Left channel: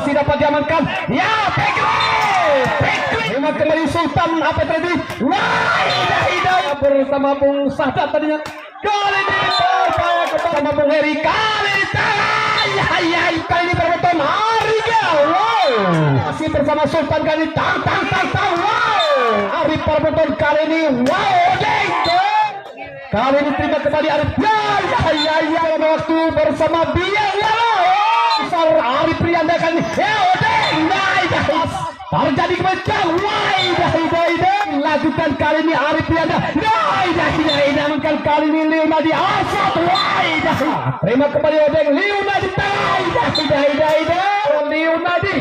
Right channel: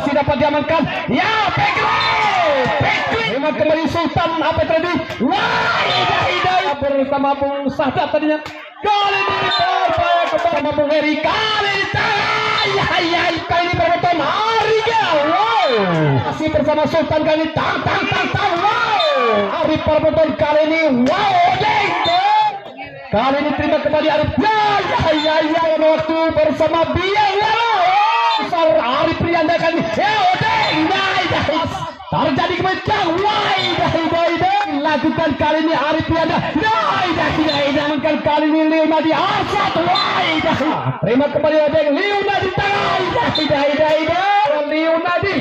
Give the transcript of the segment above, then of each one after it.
masih dapat diamankan. Ya, Pekri. Memang kembali Sultan apa tadi? Wah, bersama Bung Sadat tadinya. Kali ini upaya kepada Bung Heri. Kali ini kali ini berbeton Arigel. Wow. Masih bersama Sultan kali ini. Tang. Wow. Arif berbeton kali ini. Wow. Kali ini terima kembali Arif. Ya. Waktu bersama Biang. Arif Prianda kan terjadi kemencang. Lakukan kali ini Arif Prianda. Namun kali ini Leonardi Asad. Terima kembali Odeng Leonardi. Leonardi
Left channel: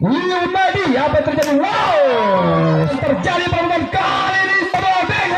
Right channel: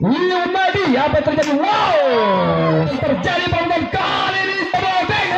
Leonardi apa terjadi? Wow, terjadi bangunan kali ini Odeng.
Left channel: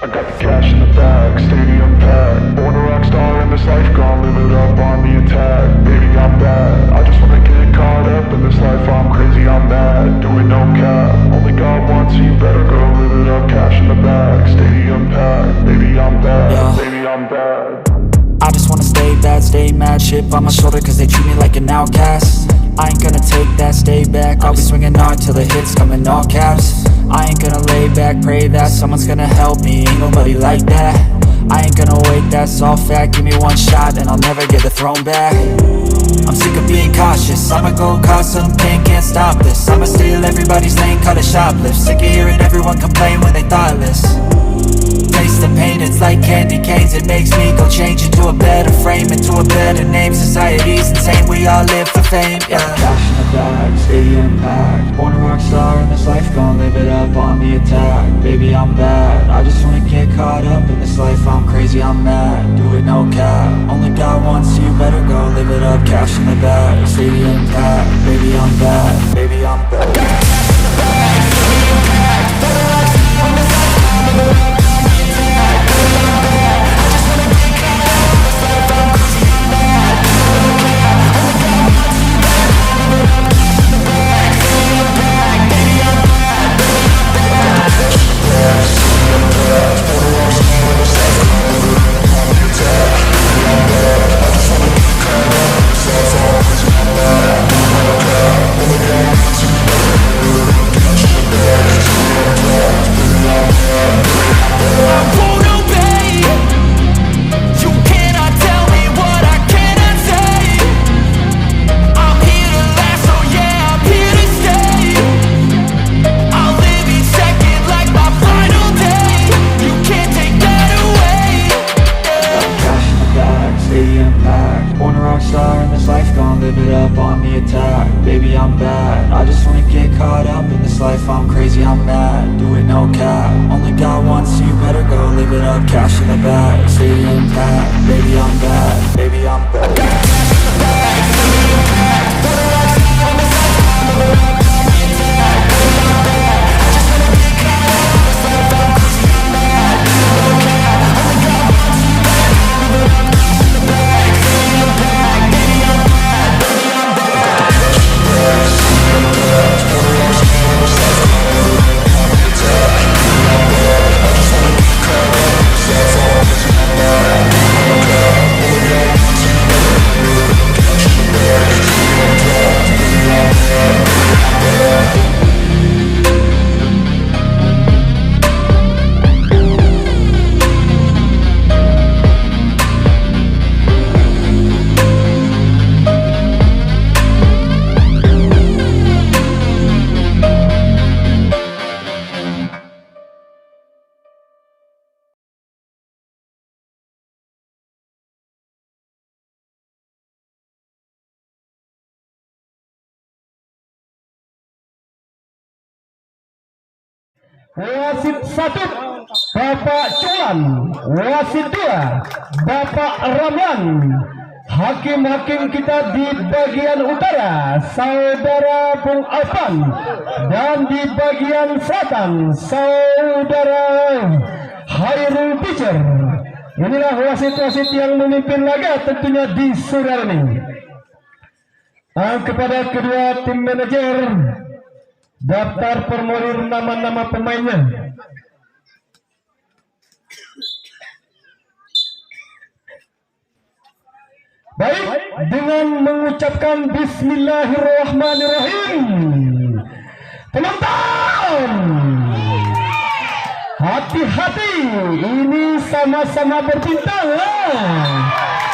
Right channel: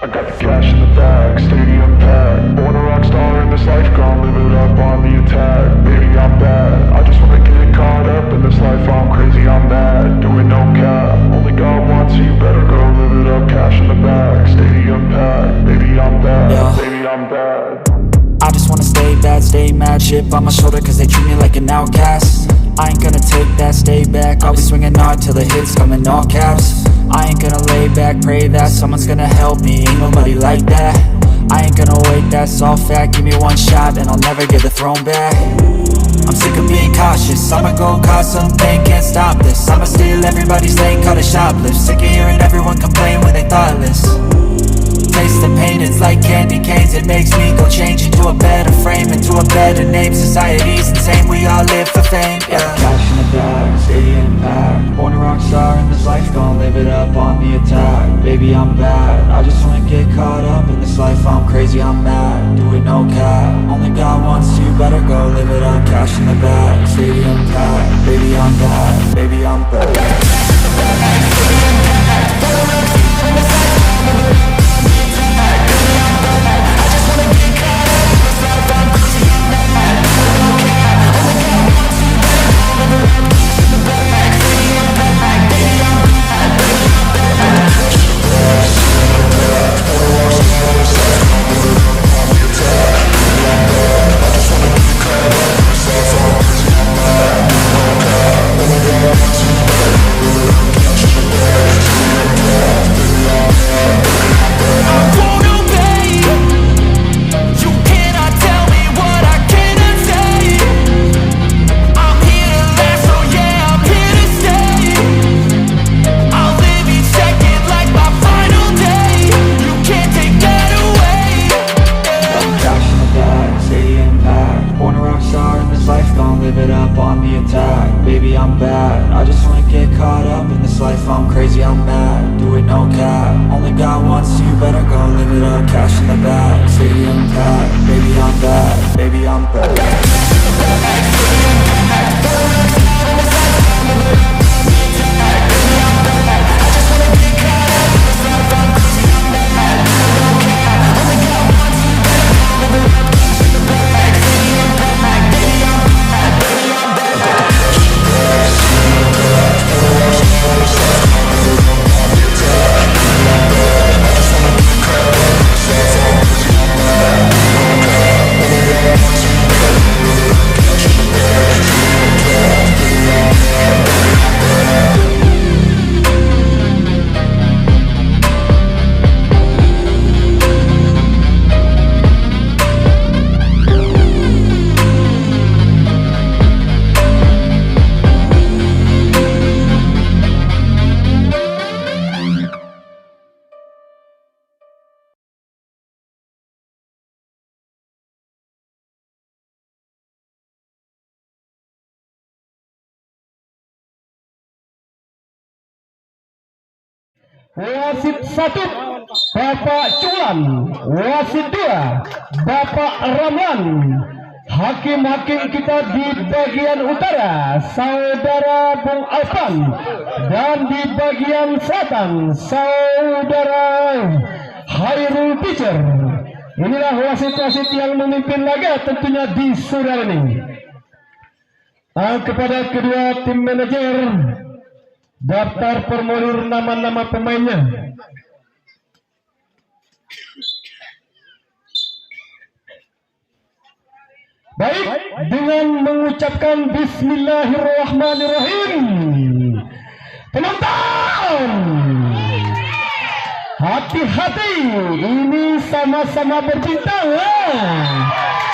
I got the cash in the bag, stadium packed. Born a rock star in this life, gon' live it up on the attack. Baby, I'm bad, I just wanna get caught up in this life. I'm crazy, I'm mad, doing no cap. Only God wants you, better go live it up. Cash in the bag, stadium packed. Baby, I'm bad, baby, I'm bad. I just wanna stay bad, stay mad. Chip on my shoulder cause they treat me like an outcast. I ain't gonna take that, stay back. I'll be swinging hard till the hits come in all caps. I ain't gonna lay back, pray that someone's gonna help me. Ain't nobody like that. I ain't gonna wait, that's all fact. Give me one shot and I'll never get the throne back. I'm sick of being cautious, I'ma go cause some pain, can't stop this. I'ma steal everybody's lane, call it shoplift. Sick of hearing everyone complain when they thoughtless. Taste the pain, it's like candy canes. It makes me go change into a better frame, into a better name. Society's insane, we all live for fame, yeah. Cash in the bag, stadium packed. Born a rock star in this life, gon' live it up on the attack. Baby, I'm bad, I just wanna get caught up in this life. I'm crazy, I'm mad, do it no cap. Only God wants you, better go live it up. Cash in the bag, stadium packed. Baby, I'm bad, baby, I'm bad. I got the cash in the bag, stadium packed. Born a rock star in this life, gon' live it up. Baby, I'm bad, I just wanna get caught up in this life. I'm crazy, I'm mad, do it no cap. Only God wants you, better go live it up. Cash in the bag, stadium packed. Baby, I'm bad, baby, I'm bad. Cash in the bag, stadium packed. Born a rock star in this life, gon' live it up on the attack. Baby, I'm bad, I just wanna get caught up in this life. I'm crazy, I'm mad, do it no cap. Only God wants you, better go live it up. Cash in the bag, stadium packed. Baby, I'm bad, baby, I'm bad. I won't obey. You cannot tell me what I cannot say. I'm here to last, so yeah, I'm here to stay. I'll live each second like my final day. You can't take that away. Cash in the bag, stadium packed. Born a rock star in this life, gon' live it up on the attack. Baby, I'm bad, I just wanna get caught up in this life. I'm crazy, I'm mad, do it no cap. Only God wants you, better go live it up. Cash in the bag, stadium packed. Baby, I'm bad, baby, I'm bad. I got the cash in the bag, stadium packed. Born a rock star in this life, gon' live it up on the attack. Baby, I'm bad, I just wanna get caught up in this life. I'm crazy, I'm mad, do it no cap. Only God wants you, better go live it up. Cash in the bag, stadium packed. Baby, I'm bad, baby, I'm bad. I got the cash in the bag, stadium packed. Born a rock star in this life, gon' live it up on the attack. Baby, I'm bad, I just wanna get caught up in this life. I'm crazy, I'm mad, do it no cap. Only God wants you, better go live it up. Cash in the bag, stadium packed. Baby, I'm bad, baby, I'm bad. Wasit 1 Bapak Cuan, wasit 2 Bapak Ramlan. Hakim-hakim kita di bagian utara Saudara Bung Afan, dan di bagian selatan Saudara Hairul Picer. Inilah wasit-wasit yang memimpin laga tentunya di sore ini. Kepada kedua tim manajer, daftar formulir nama-nama pemainnya. Baik, dengan mengucapkan Bismillahirrahmanirrahim, penonton, hati-hati, ini sama-sama berbintang.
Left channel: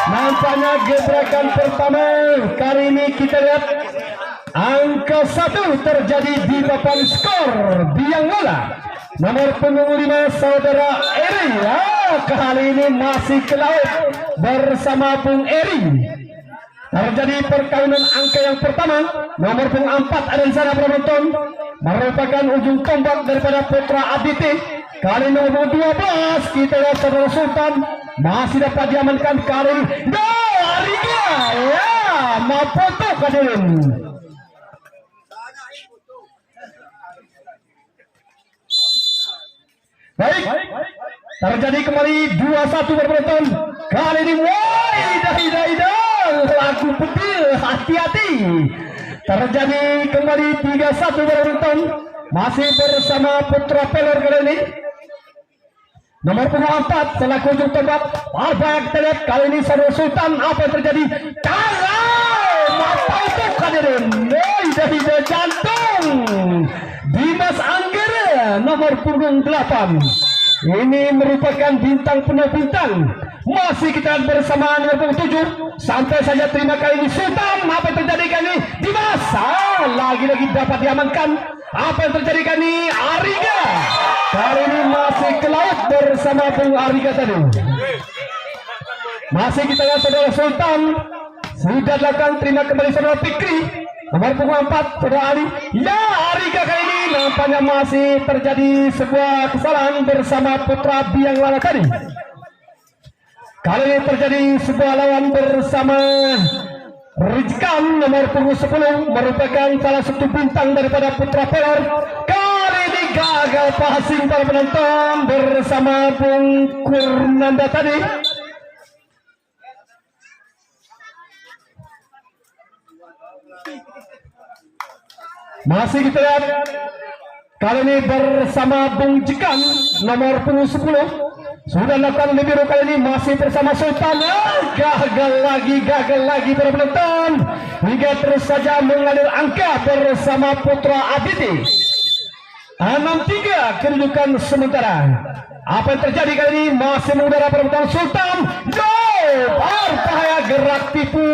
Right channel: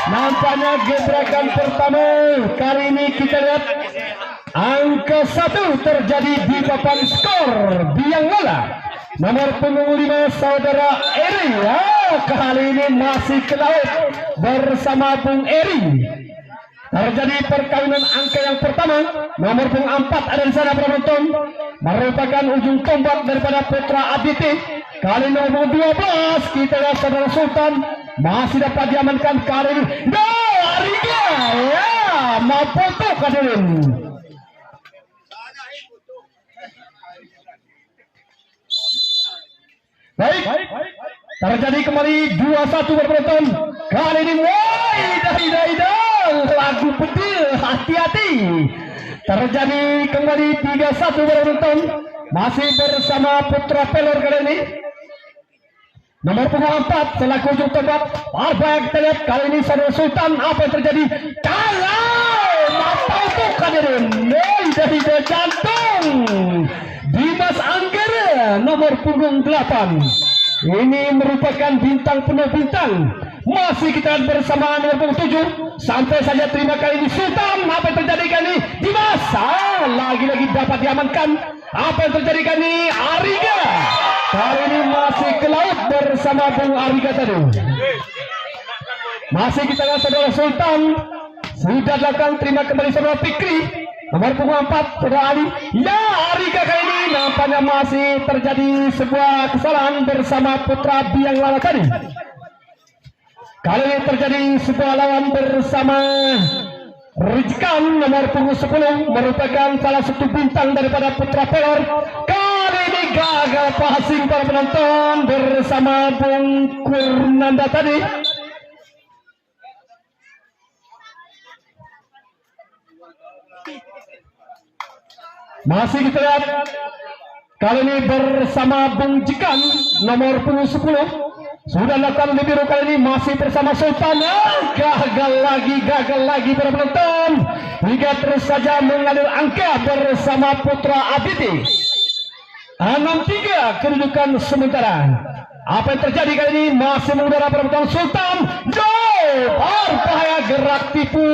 Nampaknya gebrakan pertama kali ini kita lihat angka 1 terjadi di papan skor biang bola. Nomor punggung 5 saudara Eri, kali ini masih ke laut bersama Bung Eri. Terjadi perkaunan angka yang pertama. Nomor punggung 4 ada di sana penonton, merupakan ujung tombak daripada Putra Aditi. Kali nomor 12 kita lihat saudara Sultan masih dapat diamankan kali ini. Ariga, mau foto hadirin. Baik, terjadi kembali 2-1 penonton. Kali ini lagu pedil, hati-hati. Terjadi kembali 3-1 penonton. Masih bersama Putra Pelor kali ini. Nomor punggung 4 selaku ujung tombak. Apa yang kita lihat kali ini saudara Sultan, apa yang terjadi? Mata hadirin, dari jantung Dimas Anggara nomor punggung 8. Ini merupakan bintang penuh bintang. Masih kita bersama nomor punggung 7. Sampai saja terima kali ini Sultan. Apa yang terjadi kali ini? Dimas lagi-lagi dapat diamankan. Apa yang terjadi kali ini? Ariga kali ini masih ke laut bersama Bung Ariga tadi. Masih kita lihat saudara Sultan sudah dilakukan terima kembali saudara Fikri. Nomor punggung 4 saudara Ali. Ya, Ariga kali ini nampaknya masih terjadi sebuah kesalahan bersama Putra Biang Lala tadi. Kali ini terjadi sebuah lawan bersama Rizkan nomor punggung 10, merupakan salah satu bintang daripada Putra Pelor. Kali ini gagal passing para penonton bersama Bung Kurnanda tadi. Masih kita lihat kali ini bersama Bung Jikan nomor punggung 10. Sudah lakukan lebih dulu kali ini masih bersama Sultan. Gagal lagi para penonton. Hingga terus saja mengalir angka bersama Putra Aditi. 6-3 kedudukan sementara. Apa yang terjadi kali ini? Masih mengudara para penonton. Sultan berbahaya, gerak tipu.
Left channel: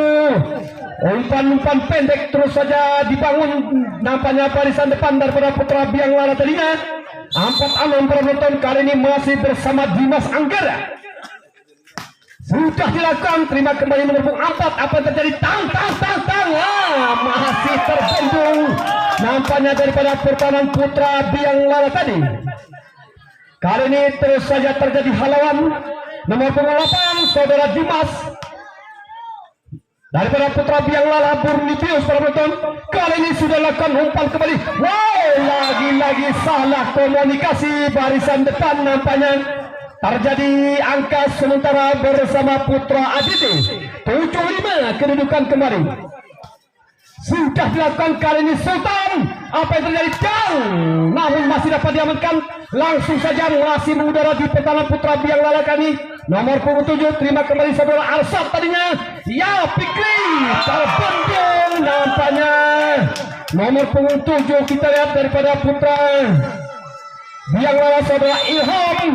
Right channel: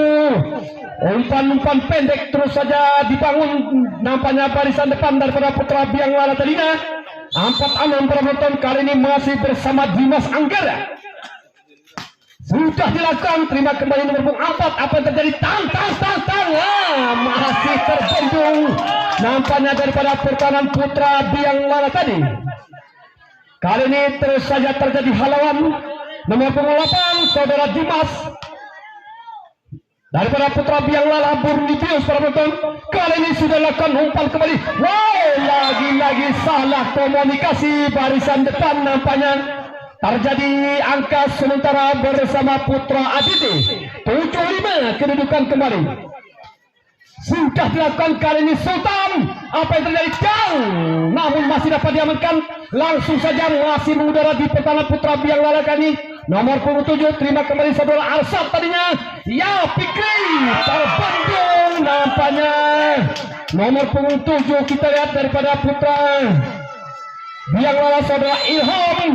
Umpan-umpan pendek terus saja dibangun. Nampaknya barisan depan daripada Putra Biang Lala tadinya. 4-6 penonton kali ini masih bersama Dimas Anggara. Sudah dilakukan terima kembali nomor punggung 4. Apa yang terjadi? Tang. Masih terbendung. Nampaknya daripada pertahanan Putra Biang Lala tadi. Kali ini terus saja terjadi halangan. Nomor punggung 8 saudara Dimas daripada Putra Biang Lala Burnipius para penonton. Kali ini sudah lakukan umpan kembali. Lagi-lagi salah komunikasi barisan depan. Nampaknya terjadi angka sementara bersama Putra Aditi. 7-5 kedudukan kembali. Sudah dilakukan kali ini Sultan. Apa yang terjadi? Namun masih dapat diamankan. Langsung saja masih mengudara di pertahanan Putra Biang Lala kali ini. Nomor punggung 7 terima kembali saudara Alsat tadinya. Ya, Fikri terbendung nampaknya. Nomor punggung 7 kita lihat daripada Putra Biang Lala saudara Ilham.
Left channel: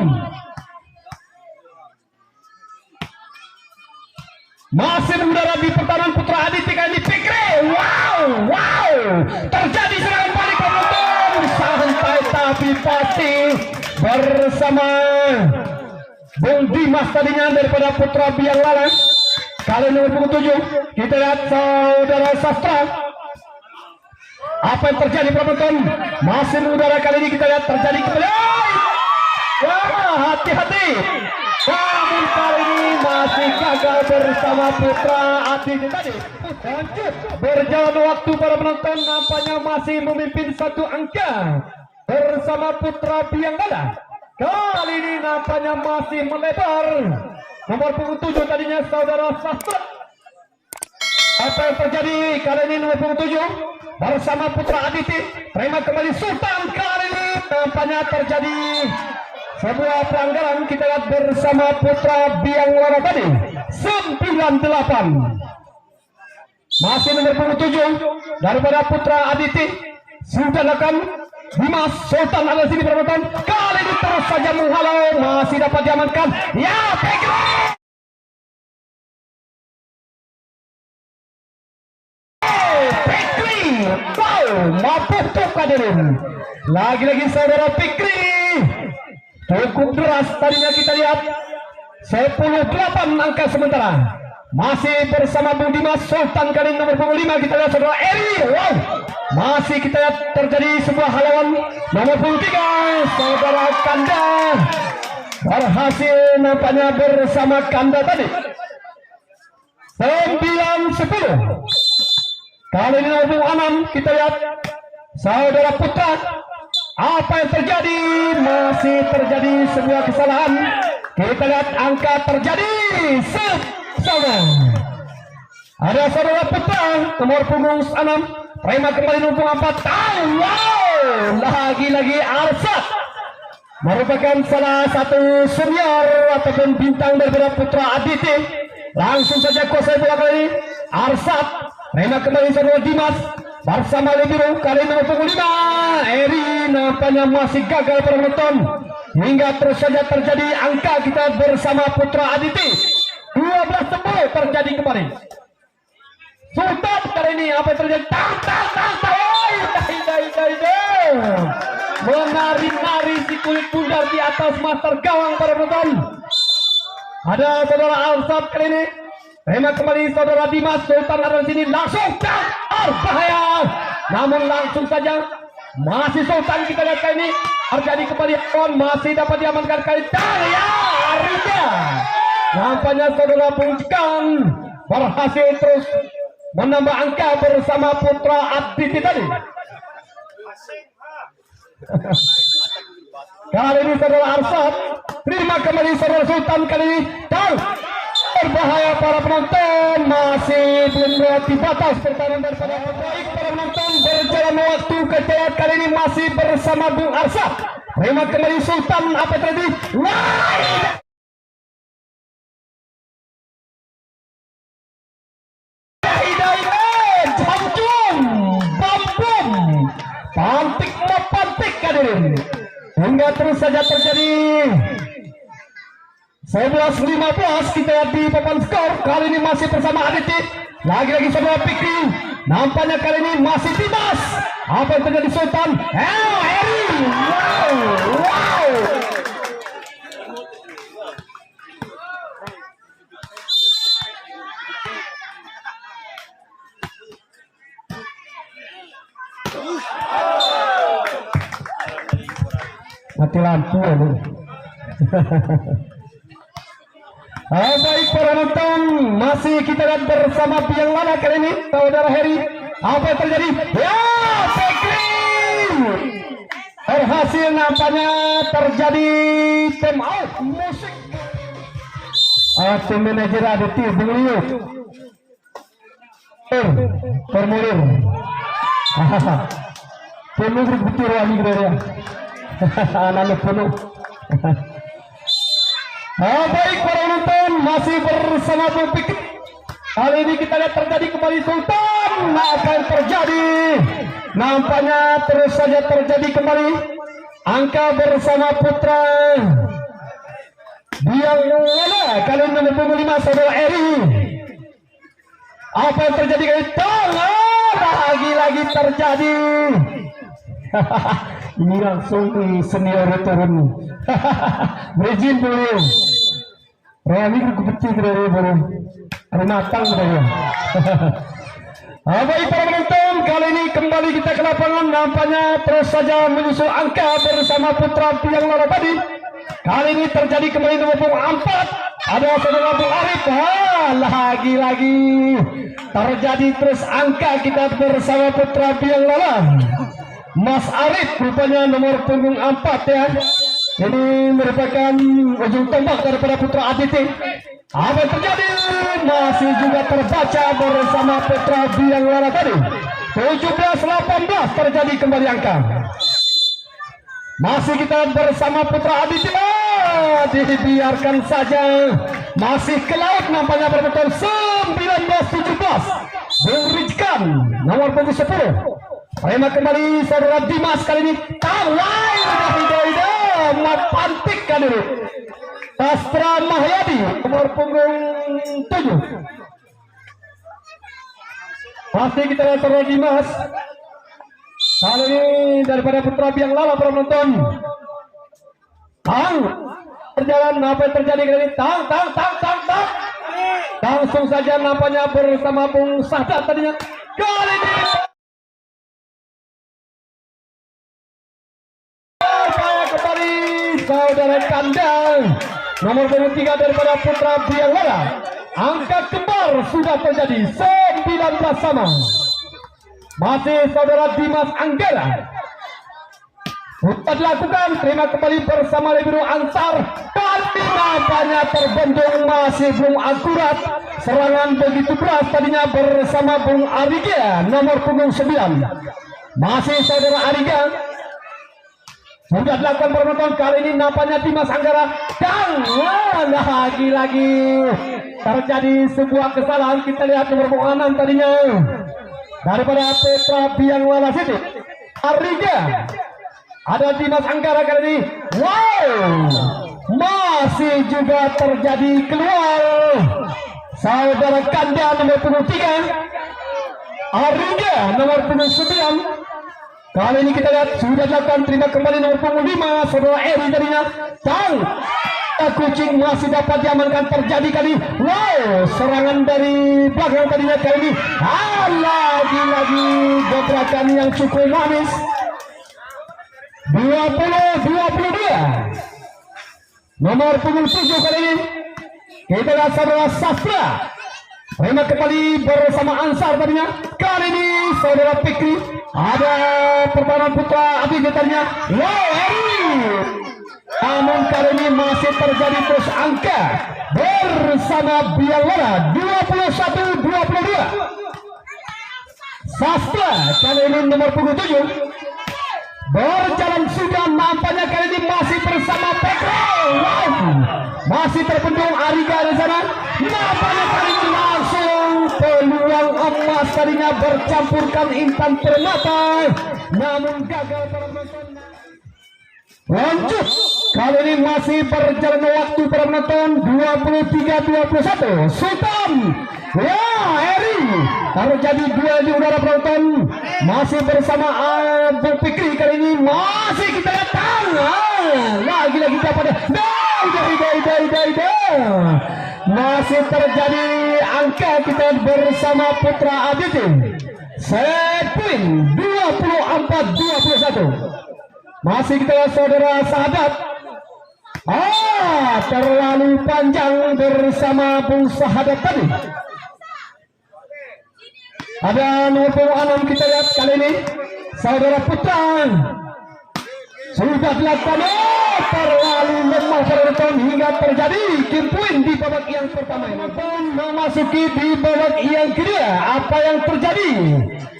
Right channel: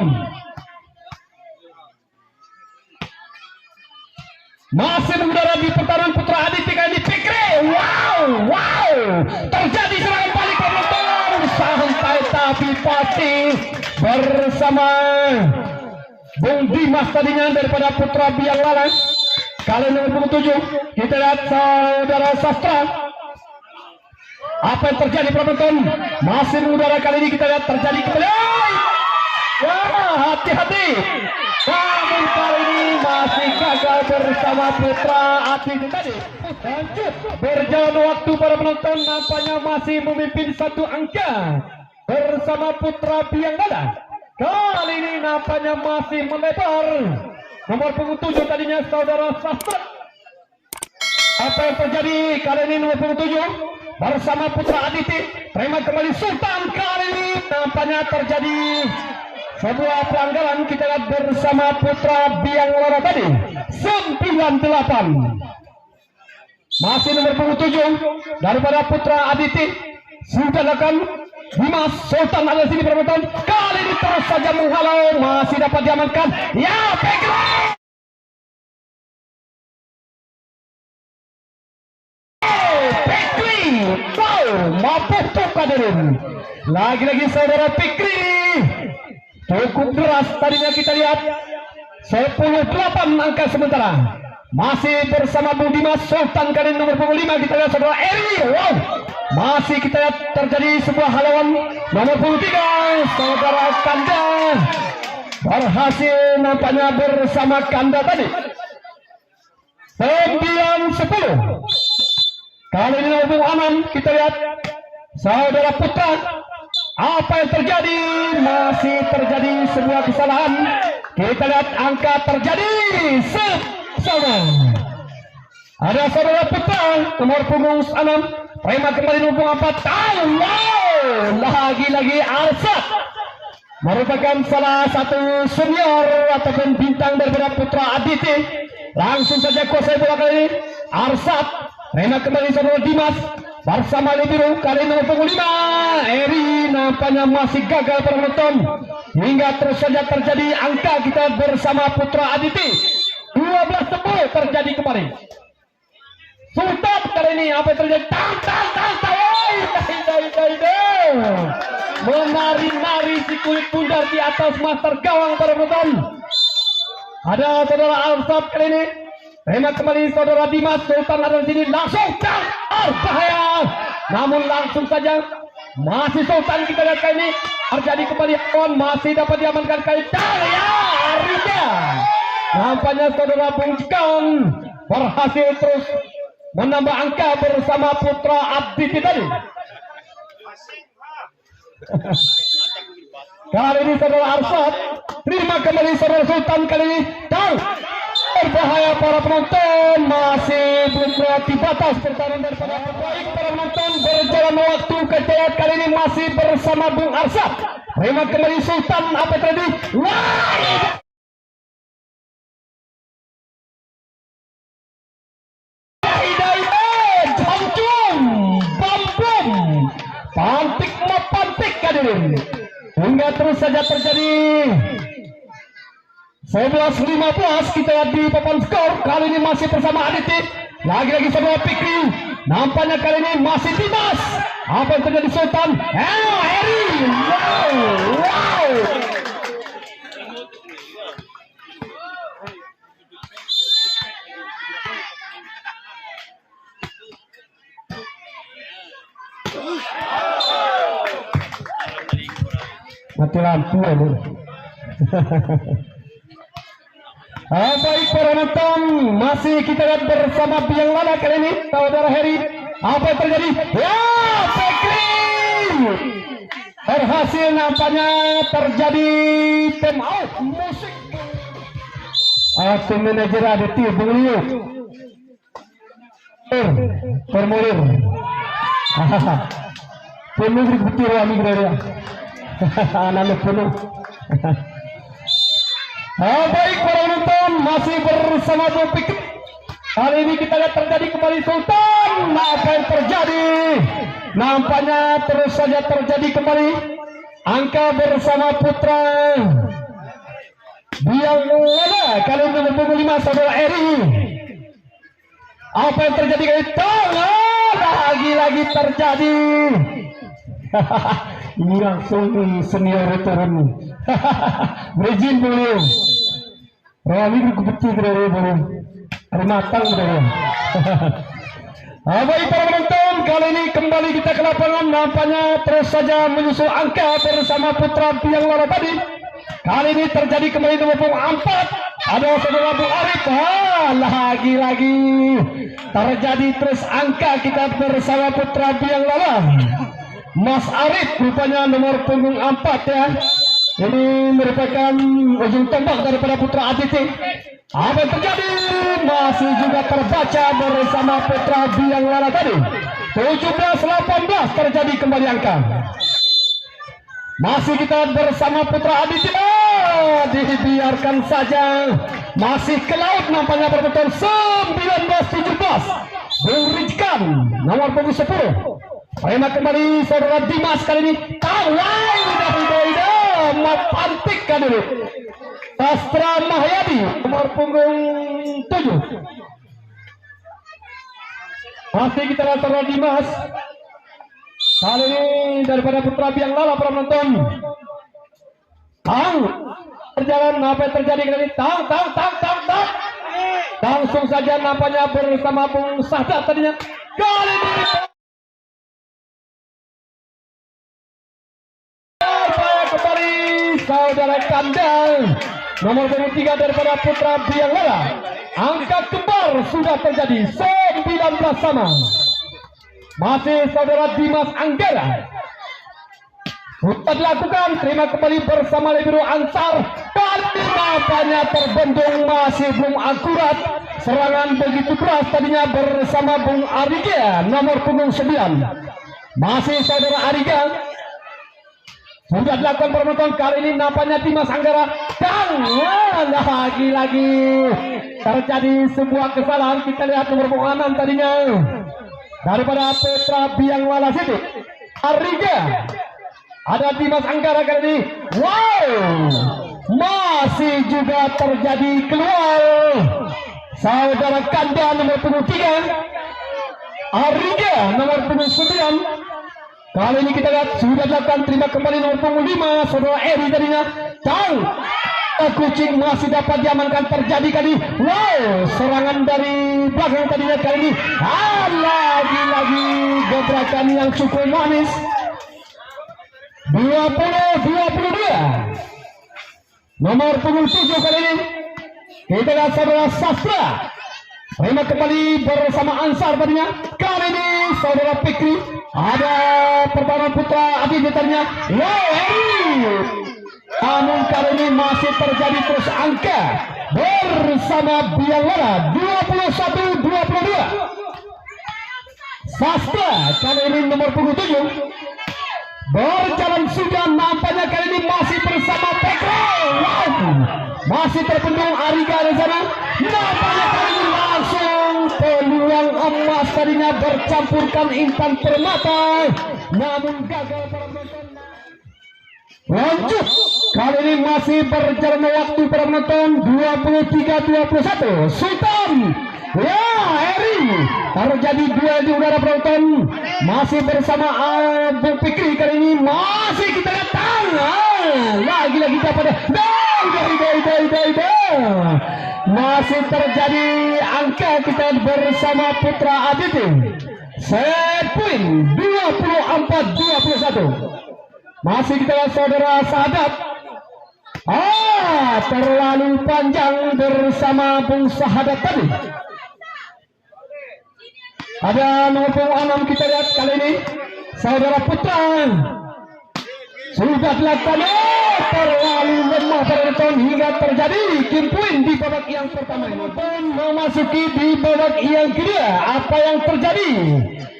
Masih mengudara di pertahanan Putra Aditi kali ini. Fikri, wow, terjadi serangan balik penonton. Santai tapi pasti bersama Bung Dimas tadinya daripada Putra Biang Lala. Kali nomor punggung 7 kita lihat saudara Sastra. Apa yang terjadi penonton? Masih mengudara kali ini kita lihat terjadi kembali. Hati-hati. Namun kali ini masih gagal bersama Putra Aditi tadi. Lanjut berjalan waktu para penonton, nampaknya masih memimpin satu angka bersama Putra Biang Lala. Kali ini nampaknya masih melebar. Nomor punggung 7 tadinya saudara Sastra. Apa yang terjadi kali ini nomor 27 bersama Putra Aditi terima kembali Sultan. Kali ini nampaknya terjadi sebuah pelanggaran. Kita lihat bersama Putra Biang Loro tadi 98 masih nomor 27 daripada Putra Aditi sudah akan Dimas Sultan ada sini perempuan. Kali ini terus saja menghalau, masih dapat diamankan. Ya, baiklah. Fikri, wow, mampu hadirin. Lagi-lagi saudara Fikri cukup deras tadinya kita lihat 10-8 angka sementara. Masih bersama Bung Dimas Sultan kali nomor 25 kita lihat saudara Eri. Wow, masih kita lihat terjadi sebuah halangan nomor 23 saudara Kanda berhasil nampaknya bersama Kanda tadi 9-10. Kali ini nomor 6 kita lihat saudara Putra. Apa yang terjadi? Masih terjadi sebuah kesalahan. Kita lihat angka terjadi sama. Ada saudara Putra nomor punggung 6 terima kembali nomor 4 tahun. Wow, lagi-lagi Arsat merupakan salah satu senior ataupun bintang daripada Putra Aditi. Langsung saja kuasai bola kali ini Arsat terima kembali saudara Dimas bersama Lebiru kali nomor 5 Eri nampaknya masih gagal penonton hingga terus saja terjadi angka kita bersama Putra Aditi 12-10 terjadi kembali. Sultan kali ini apa yang terjadi? Menari-nari si kulit pundar di atas master gawang para penonton. Ada saudara Arsat kali ini. Terima kembali saudara Dimas Sultan ada di sini langsung bahaya. Namun langsung saja masih Sultan kita lihat kali ini terjadi kembali masih dapat diamankan kali ya Arida. Nampaknya saudara Bung Jekang berhasil terus menambah angka bersama Putra Aditi tadi. Kali ini saudara Arsat terima kembali saudara Sultan kali ini dan berbahaya para penonton masih belum melewati batas pertahanan daripada baik para penonton berjalan waktu kejayaan kali ini masih bersama Bung Arsat. Terima kembali Sultan apa tadi? Hingga terus saja terjadi 11-15 kita lihat di papan skor. Kali ini masih bersama Aditi. Lagi-lagi saudara Fikri. Nampaknya kali ini masih Dimas. Apa yang terjadi Sultan? Eri. Wow. Mati lampu aduh. Baik para penonton masih kita lihat bersama Biang Lala kali ini saudara Heri. Apa yang terjadi? Ya Fikri berhasil nampaknya terjadi time out musik. Tim manajer Aditi Beliau Permulir penuh betul lagi dia. Anak penuh. Baik para penonton masih bersama Bung Fikri. Kali ini kita lihat terjadi kembali Sultan. Apa yang terjadi? Nampaknya terus saja terjadi kembali angka bersama Putra Biang Lala kali ini nomor 5 saudara Eri. Apa yang terjadi kali ini? Lagi-lagi terjadi. Ini langsung senior turun. Rejin beliau. Rami kecil dari beliau. Matang beliau. Baik para penonton kali ini kembali kita ke lapangan. Nampaknya terus saja menyusul angka bersama Putra Biang Loro tadi. Kali ini terjadi kembali nomor 4. Ada saudara Bung Arif. Lagi-lagi terjadi terus angka kita bersama Putra Biang Loro. Mas Arif rupanya nomor punggung 4 ya. Ini merupakan ujung tombak daripada Putra Aditi. Apa yang terjadi? masih juga terbaca bersama Putra Biangwara tadi. 17-18 terjadi kembali angka. Masih kita bersama Putra Aditya, dibiarkan saja masih ke laut nampaknya berbentuk 19-17. Berikan nomor punggung 10. Terima kembali saudara Dimas kali ini. Kawai pantik kali ini. Astra Mahyadi nomor punggung 7. Pasti kita lihat saudara Dimas. Kali ini daripada Putra Biang Lala penonton. Berjalan apa yang terjadi kali ini? Langsung saja nampaknya bersama Bung Sadat tadinya. Kali ini kembali saudara Kandang nomor 23 daripada Putra Biang Lala. Angka kembar sudah terjadi 19 sama. Masih saudara Dimas Anggara. Putar dilakukan, terima kembali bersama Lebiro Ansar. Kali nampaknya terbendung masih belum akurat. Serangan begitu keras tadinya bersama Bung Ariga nomor punggung 9. Masih saudara Ariga. Sudah dilakukan penonton kali ini nampaknya Dimas Anggara. Dan lagi-lagi terjadi sebuah kesalahan. Kita lihat nomor punggung 6 tadinya daripada Putra Biang Lala City. Ariga. Ada Dimas Anggara kali ini. Wow, masih juga terjadi keluar saudara Kanda nomor punggung 3, Ariga nomor punggung 9. Kali ini kita lihat sudah dilakukan, terima kembali nomor punggung 5 saudara Eri tadinya. Dan kucing masih dapat diamankan, terjadi kali. Wow, serangan dari belakang tadinya kali ini. Lagi-lagi gebrakan yang cukup manis. 20-22 nomor punggung 7 kali ini kita lihat saudara Sastra. Terima kembali bersama Ansar tadinya. Kali ini saudara Fikri. Ada pertahanan Putra Adi tadinya. Namun kali ini masih terjadi terus angka bersama Biangwara 21-22. Sastra kali ini nomor punggung 7 berjalan sudah, nampaknya kali ini masih bersama Pekro. Wow, masih terpendung Ariga di sana. Nampaknya kali ini langsung peluang emas tadinya bercampurkan Intan Permata, namun gagal penonton. Lanjut, kali ini masih berjalan waktu penonton 23-21. Sultan, ya Eri, terjadi duel di udara penonton. Masih bersama Abu Fikri kali ini masih kita datang. Lagi-lagi dapat masih terjadi angka kita bersama Putra Aditya. Set point 24-21. Masih kita saudara Sadat. Terlalu panjang bersama Bung Sahadat tadi. Ada nomor 6 kita lihat kali ini saudara Putra sudah dilakukan. Terlalu lemah penonton hingga terjadi game point di babak yang pertama ini. Dan memasuki di babak yang kedua, apa yang terjadi?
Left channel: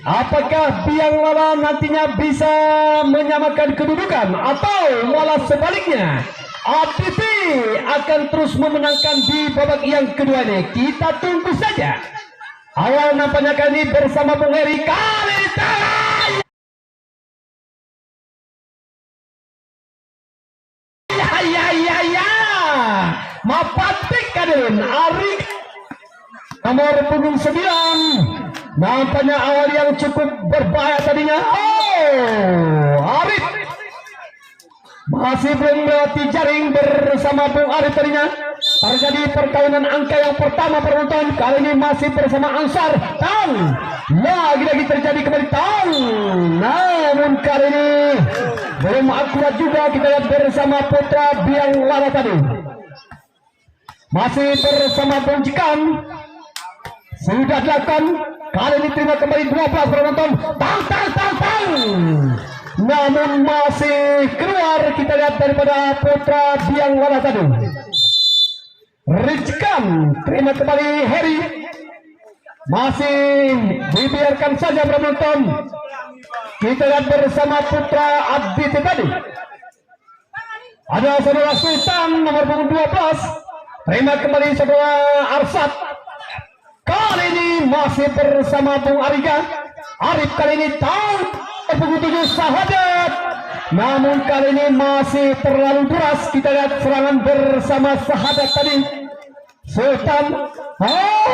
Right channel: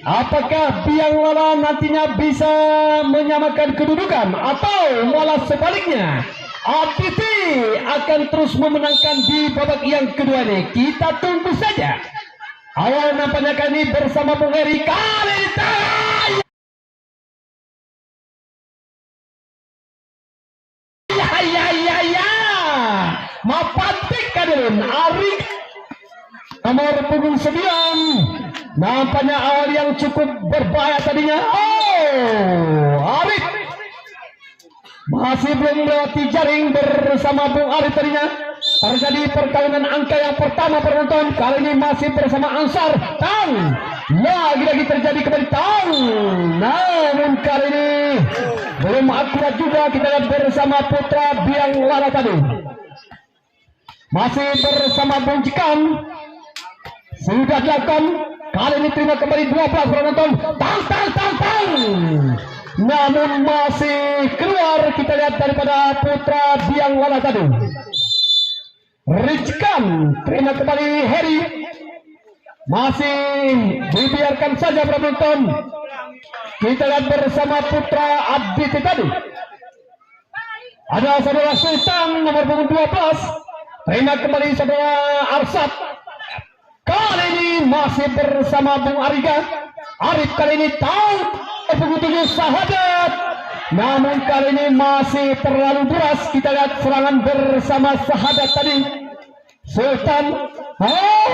Apakah Biang Lala nantinya bisa menyamakan kedudukan atau malah sebaliknya ATP akan terus memenangkan di babak yang kedua ini? Kita tunggu saja. Awal nampaknya kami bersama Bung Eri kali ini. Mapatik kadirin Ari nomor punggung 9. Nampaknya awal yang cukup berbahaya tadinya. Arif masih belum melatih jaring bersama Bung Arif tadinya. Terjadi perkawinan angka yang pertama penonton. Kali ini masih bersama Ansar. Tang lagi-lagi terjadi kembali Tang. Namun kali ini belum akurat juga. Kita lihat bersama Putra Biang Lala tadi. Masih bersama Bung Cikan. Sudah dilakukan. Kali ini terima kembali 12 penonton. Tang. Namun masih keluar. Kita lihat daripada Putra Biang Lala tadi. Rizkan terima kembali Heri. masih dibiarkan saja penonton. Kita lihat bersama Putra Abdi tadi. Ada saudara Sultan nomor punggung 12. Terima kembali saudara Arsat. Kali ini masih bersama Bung Ariga. Arif kali ini tahu punggung 7 Sahadat. Namun kali ini masih terlalu deras. Kita lihat serangan bersama Sahadat tadi. Sultan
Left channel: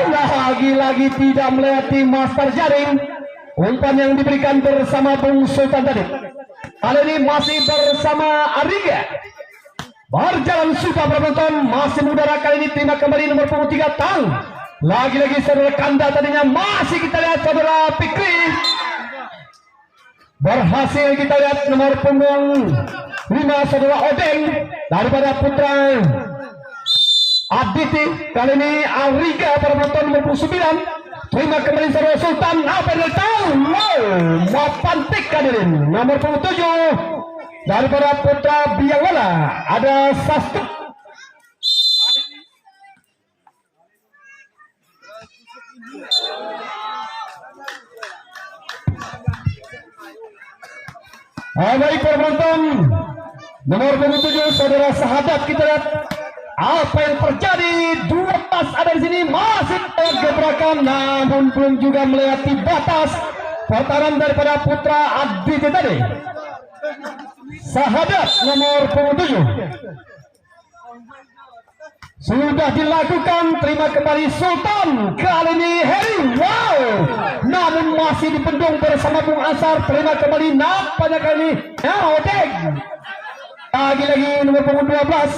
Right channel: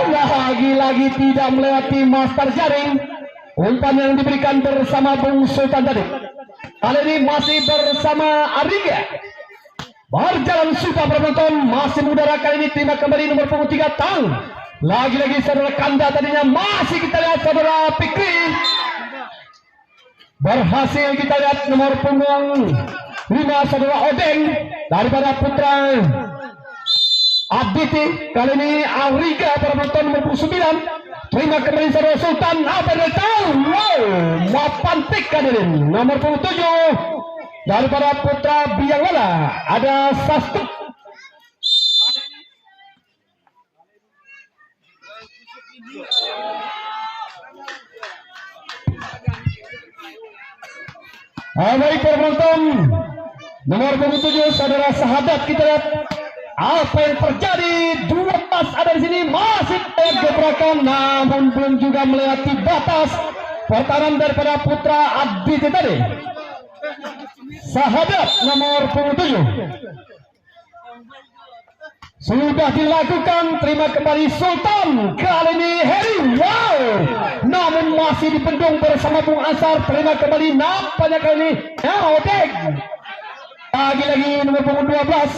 lagi-lagi tidak melewati master jaring. Umpan yang diberikan bersama Bung Sultan tadi. Kali ini masih bersama Ariga. Berjalan suka penonton, masih mengudara kali ini. Terima kembali nomor punggung 3 Tang. Lagi-lagi saudara Kanda tadinya. Masih kita lihat saudara Fikri. Berhasil kita lihat nomor punggung 5 saudara Odeng daripada Putra Abditi. Kali ini Ariga pada penonton nomor punggung 9. Terima kembali saudara Sultan. Apa yang tahu? Mapantik hadirin. Nomor punggung 7 daripada Putra Biangwala ada Sastu. Baik penonton, nomor 7 saudara Sahadat. Kita lihat apa yang terjadi. 12 ada di sini, masih gebrakan namun belum juga melewati batas. Pertahanan daripada Putra Abdi tadi. Sahadat nomor 7 sudah dilakukan. Terima kembali Sultan. Kali ini Heri. Wow, namun masih dipendung bersama Bung Ansar. Terima kembali nampaknya kali ini Odeng. Lagi-lagi nomor punggung 12.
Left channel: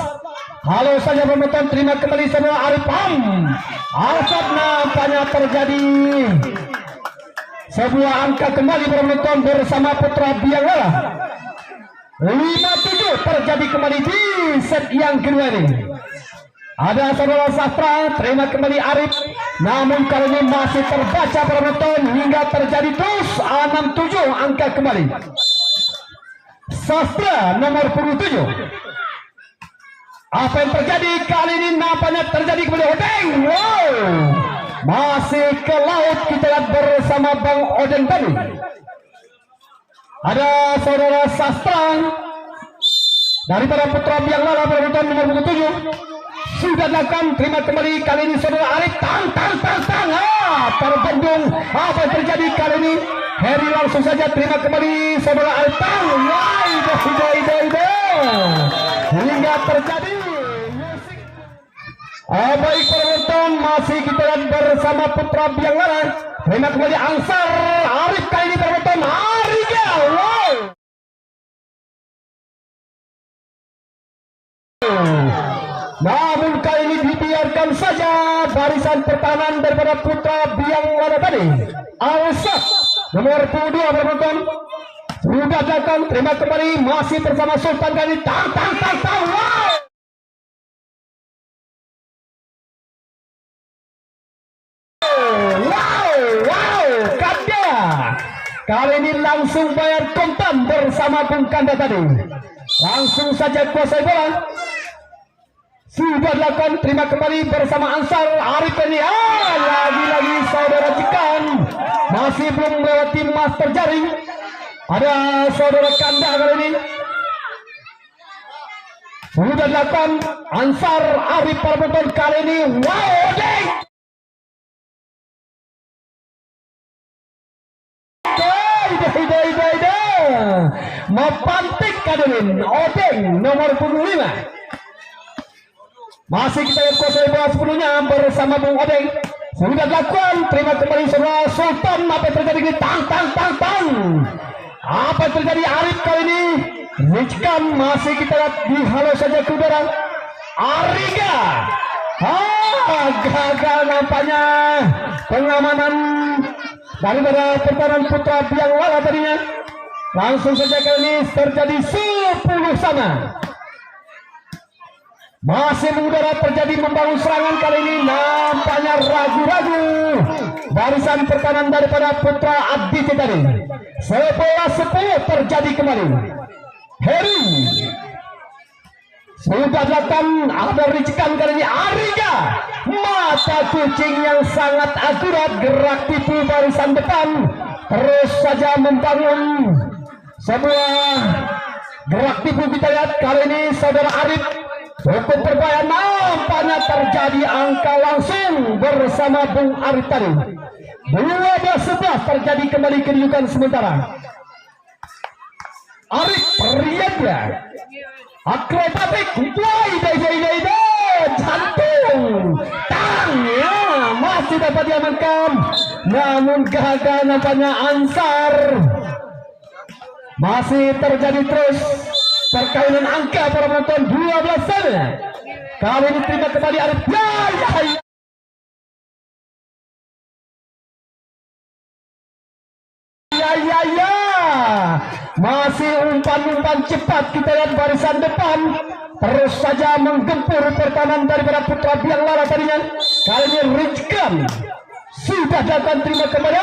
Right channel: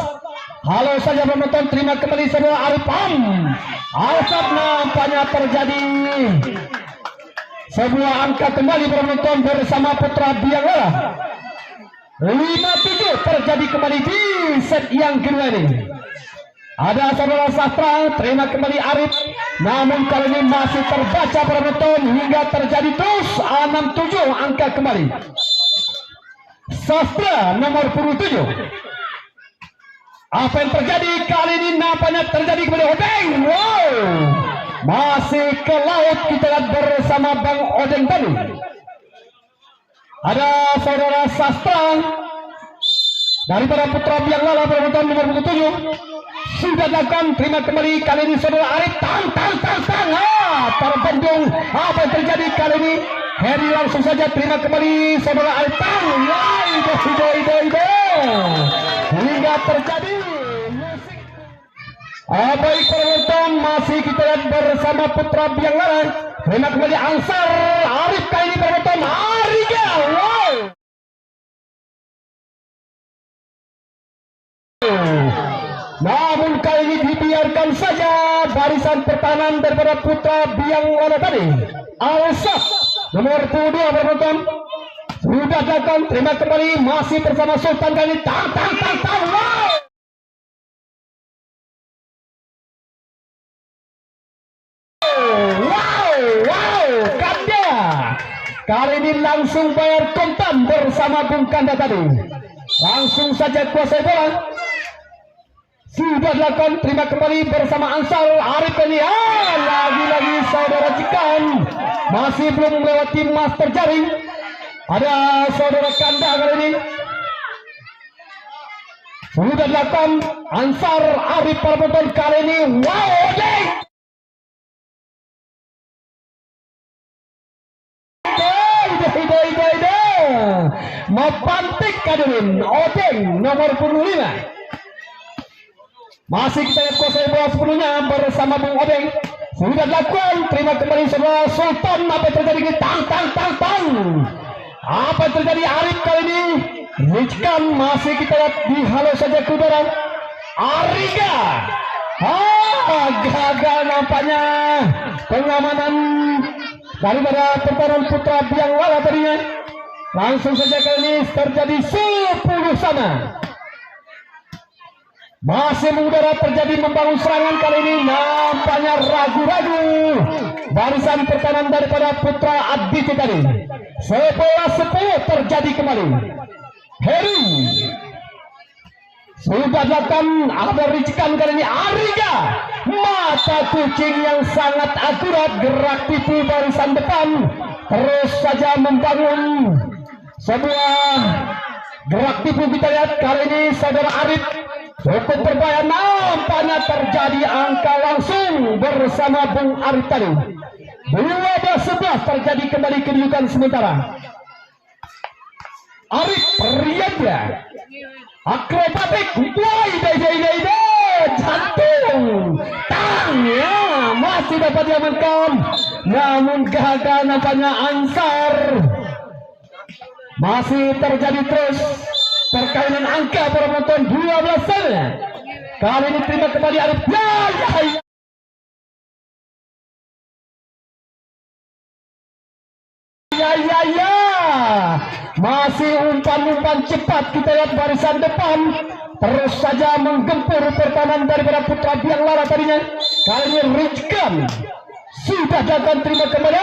Halo saja penonton. Terima kembali saudara Arifam. Alsat nampaknya terjadi sebuah angka kembali penonton bersama Putra Biangwala. 5-7 terjadi kembali di set yang kedua ini. Ada saudara Sastra. Terima kembali Arif. Namun kali ini masih terbaca penonton hingga terjadi terus 6-7 angka kembali. Sastra nomor 7. Apa yang terjadi kali ini? Nampaknya terjadi kepada Odeng. Wow, masih ke laut kita lihat bersama Bang Odeng tadi. Ada saudara Sastra daripada Putra Biangwala penonton nomor 7 sudah dilakukan. Terima kembali kali ini saudara Arif. Tang terbendung. Apa yang terjadi kali ini? Heri langsung saja. Terima kembali saudara Arif. Hingga terjadi musik. Baik penonton, masih kita lihat bersama Putra Biangwala. Terima kembali Ansar. Arif kali ini penonton Ariga. Wow, namun kali ini dibiarkan saja barisan pertahanan daripada Putra Biangwala tadi. Alsat nomor 22 penonton sudah datang. Terima kembali masih bersama Sultan kali. Tang. Wow, Kanda kali ini langsung bayar kontan bersama Bung Kanda tadi. Langsung saja kuasai bola. Sudah dilakukan. Terima kembali bersama Ansar. Arif ini lagi-lagi saudara Cikan masih belum melewati master jaring. Ada saudara Kanda kali ini sudah dilakukan. Ansar Arif penonton kali ini. Wow, Odeng. Mapantik hadirin. Odeng nomor 5. Masih kita lihat kuasai bola sebelumnya bersama Bung Odeng. Sudah dilakukan. Terima kembali saudara Sultan. Apa yang terjadi ini? Tang. Apa yang terjadi Arif kali ini? Rizkan masih kita lihat di halo saja ke udara. Ariga. Gagal nampaknya pengamanan daripada pertahanan Putra Biangwala tadinya. Langsung saja kali ini terjadi 10 sama. Masih mengudara terjadi membangun serangan kali ini. Nampaknya ragu-ragu barisan pertahanan daripada Putra Abdi tadi. 11-10 terjadi kembali. Heri sudah dilakukan. Ada ricikan kali ini Ariga. mata kucing yang sangat akurat, gerak tipu barisan depan, terus saja membangun sebuah gerak tipu. Kita lihat kali ini saudara Arif cukup berbahaya, nampaknya terjadi angka langsung bersama Bung Arif tadi. 12-11 terjadi kembali kedudukan sementara. Arif Riyadya akrobatik, jantung tangnya masih dapat diamankan, namun gagal nampaknya Ansar. Masih terjadi terus perkainan angka para penonton 12 sana. Kali ini terima kembali Arif. Ya. Masih umpan-umpan cepat, kita lihat barisan depan terus saja menggempur pertahanan daripada Putra Biang Lara tadinya. Kali ini Rizkan sudah dapat terima kembali.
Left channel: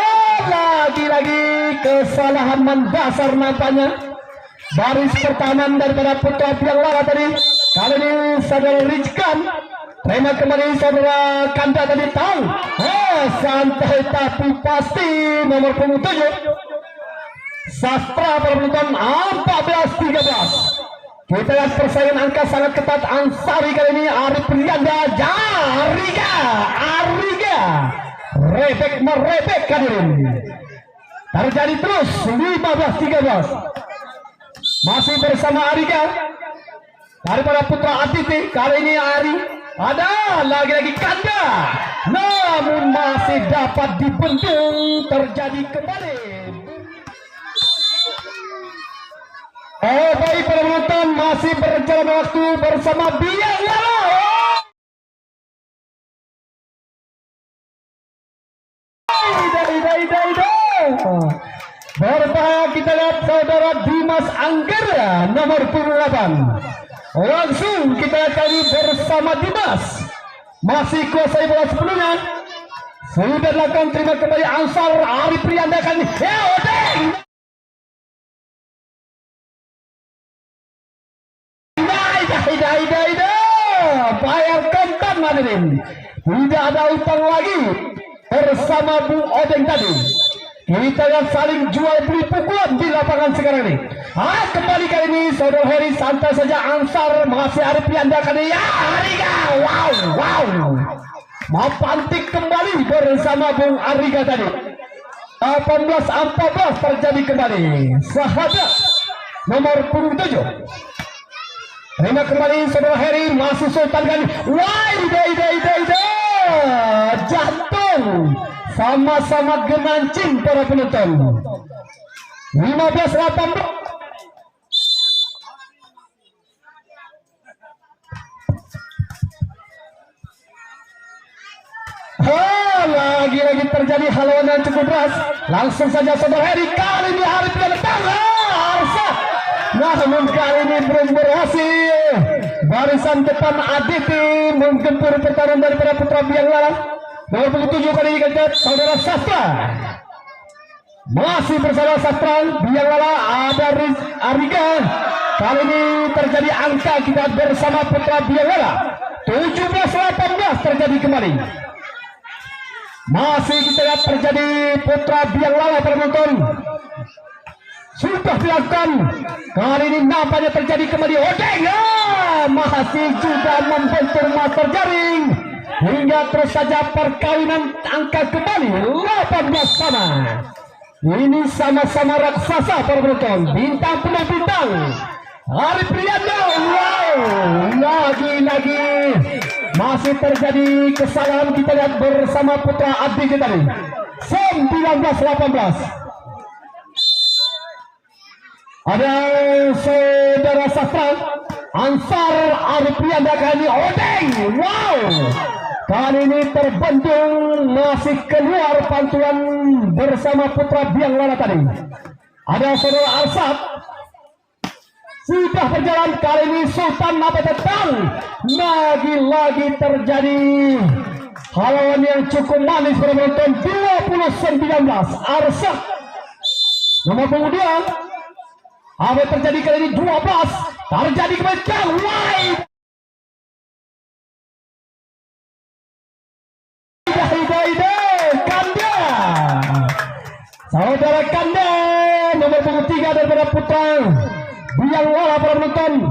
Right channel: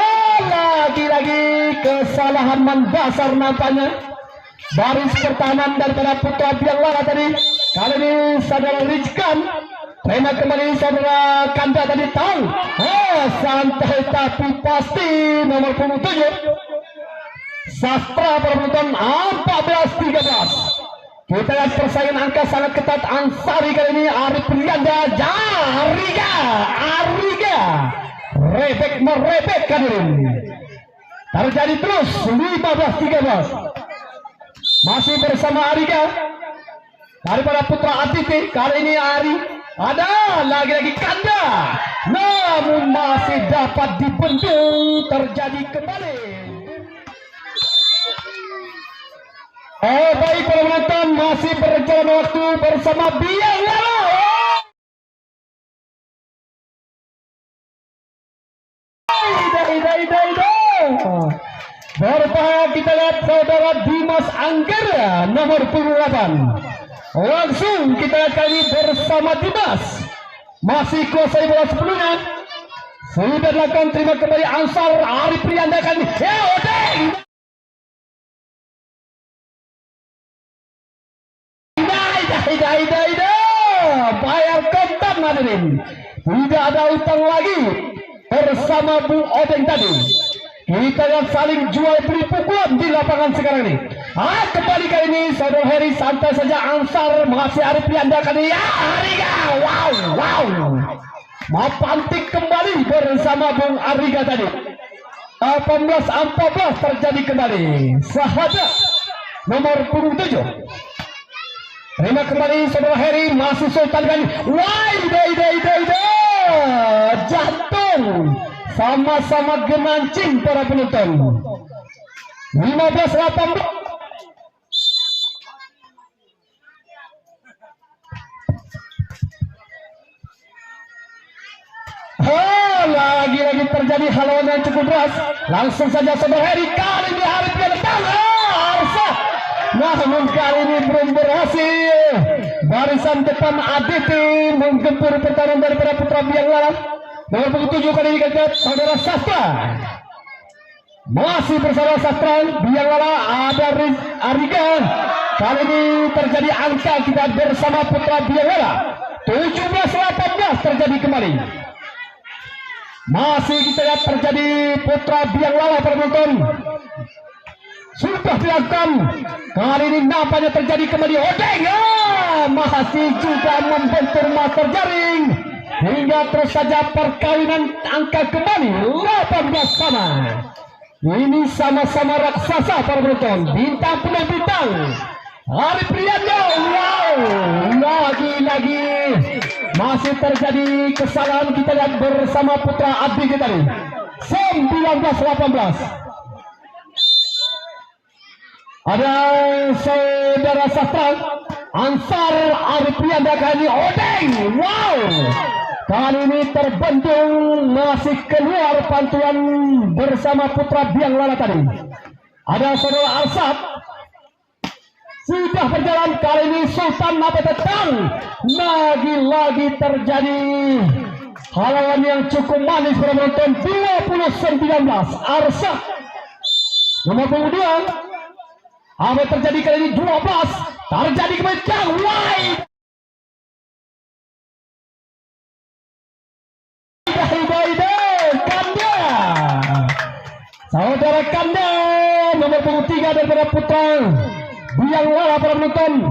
Lagi-lagi kesalahan mendasar nampaknya baris pertahanan daripada Putra Biang Lara tadi. Kali ini saudara Rizkan terima kembali saudara Kanda tadi tahu. Santai tapi pasti nomor punggung 7 Sastra pada penonton 14-13. Kita lihat persaingan angka sangat ketat. Ansari kali ini Arif Riyanda, Ariga rebek merebek hadirin. Terjadi terus 15-13. Masih bersama Ariga daripada Putra Atiti. Kali ini Ari ada lagi-lagi Kanda, namun masih dapat dibendung. Terjadi kembali. Baik para penonton, masih berjalan waktu bersama Biang Lara. Berbahaya kita lihat saudara Dimas Anggara nomor 28. Langsung kita lihat kali bersama Dimas. Masih kuasai bola sebelumnya. Sudah dilakukan terima kembali Ansar Arif Riyanda kali. Bayar kontan hadirin. Tidak ada utang lagi bersama Bung Odeng tadi. Kita yang saling jual beli pukulan di lapangan sekarang ini. Kembali kali ini saudara Heri santai saja. Ansar masih Arif Riyanda kali ya. Ariga, wow. Mapantik kembali bersama Bung Ariga tadi. 18-14 terjadi kembali. Sahabat nomor punggung 7. Terima kembali saudara Heri, masih Sultan kali. Jantung sama-sama gemancing para penonton. 15-18. Lagi-lagi terjadi haluan yang cukup keras. Langsung saja saudara Heri, kali ini Arif yang Arsa. Namun kali ini belum berhasil. Barisan depan Aditi menggempur pertahanan daripada Putra Biang Lara. Nomor 7 kali ini kita saudara Sastra. Masih bersama Sastra Biang Lara ada Ariga. Kali ini terjadi angka kita bersama Putra Biang Lara. 17-18 terjadi kembali. Masih kita lihat terjadi Putra Biang Lara penonton. Sudah dilakukan. Kali ini nampaknya terjadi kembali Odeng. Masih juga membentur master jaring. Hingga terus saja perkawinan angka kembali 18 sama. Ini sama-sama raksasa para penonton. Bintang penuh bintang. Arif Riyanda. Lagi-lagi masih terjadi kesalahan. Kita lihat bersama Putra Abdi kita tadi. 19-18. Ada saudara Sastra Ansar Arif Riyanda kali Odeng. Kali ini terbendung, masih keluar pantuan bersama Putra Biang Lara tadi. Ada saudara Arsad sudah berjalan. Kali ini Sultan apa tetang. Lagi-lagi terjadi haluan yang cukup manis pada penonton. 20-19 Arsad nomor 22. Apa terjadi kali ini 12 terjadi kembali. saudara kanda nomor punggung 3 daripada Putra Biang Lala para penonton.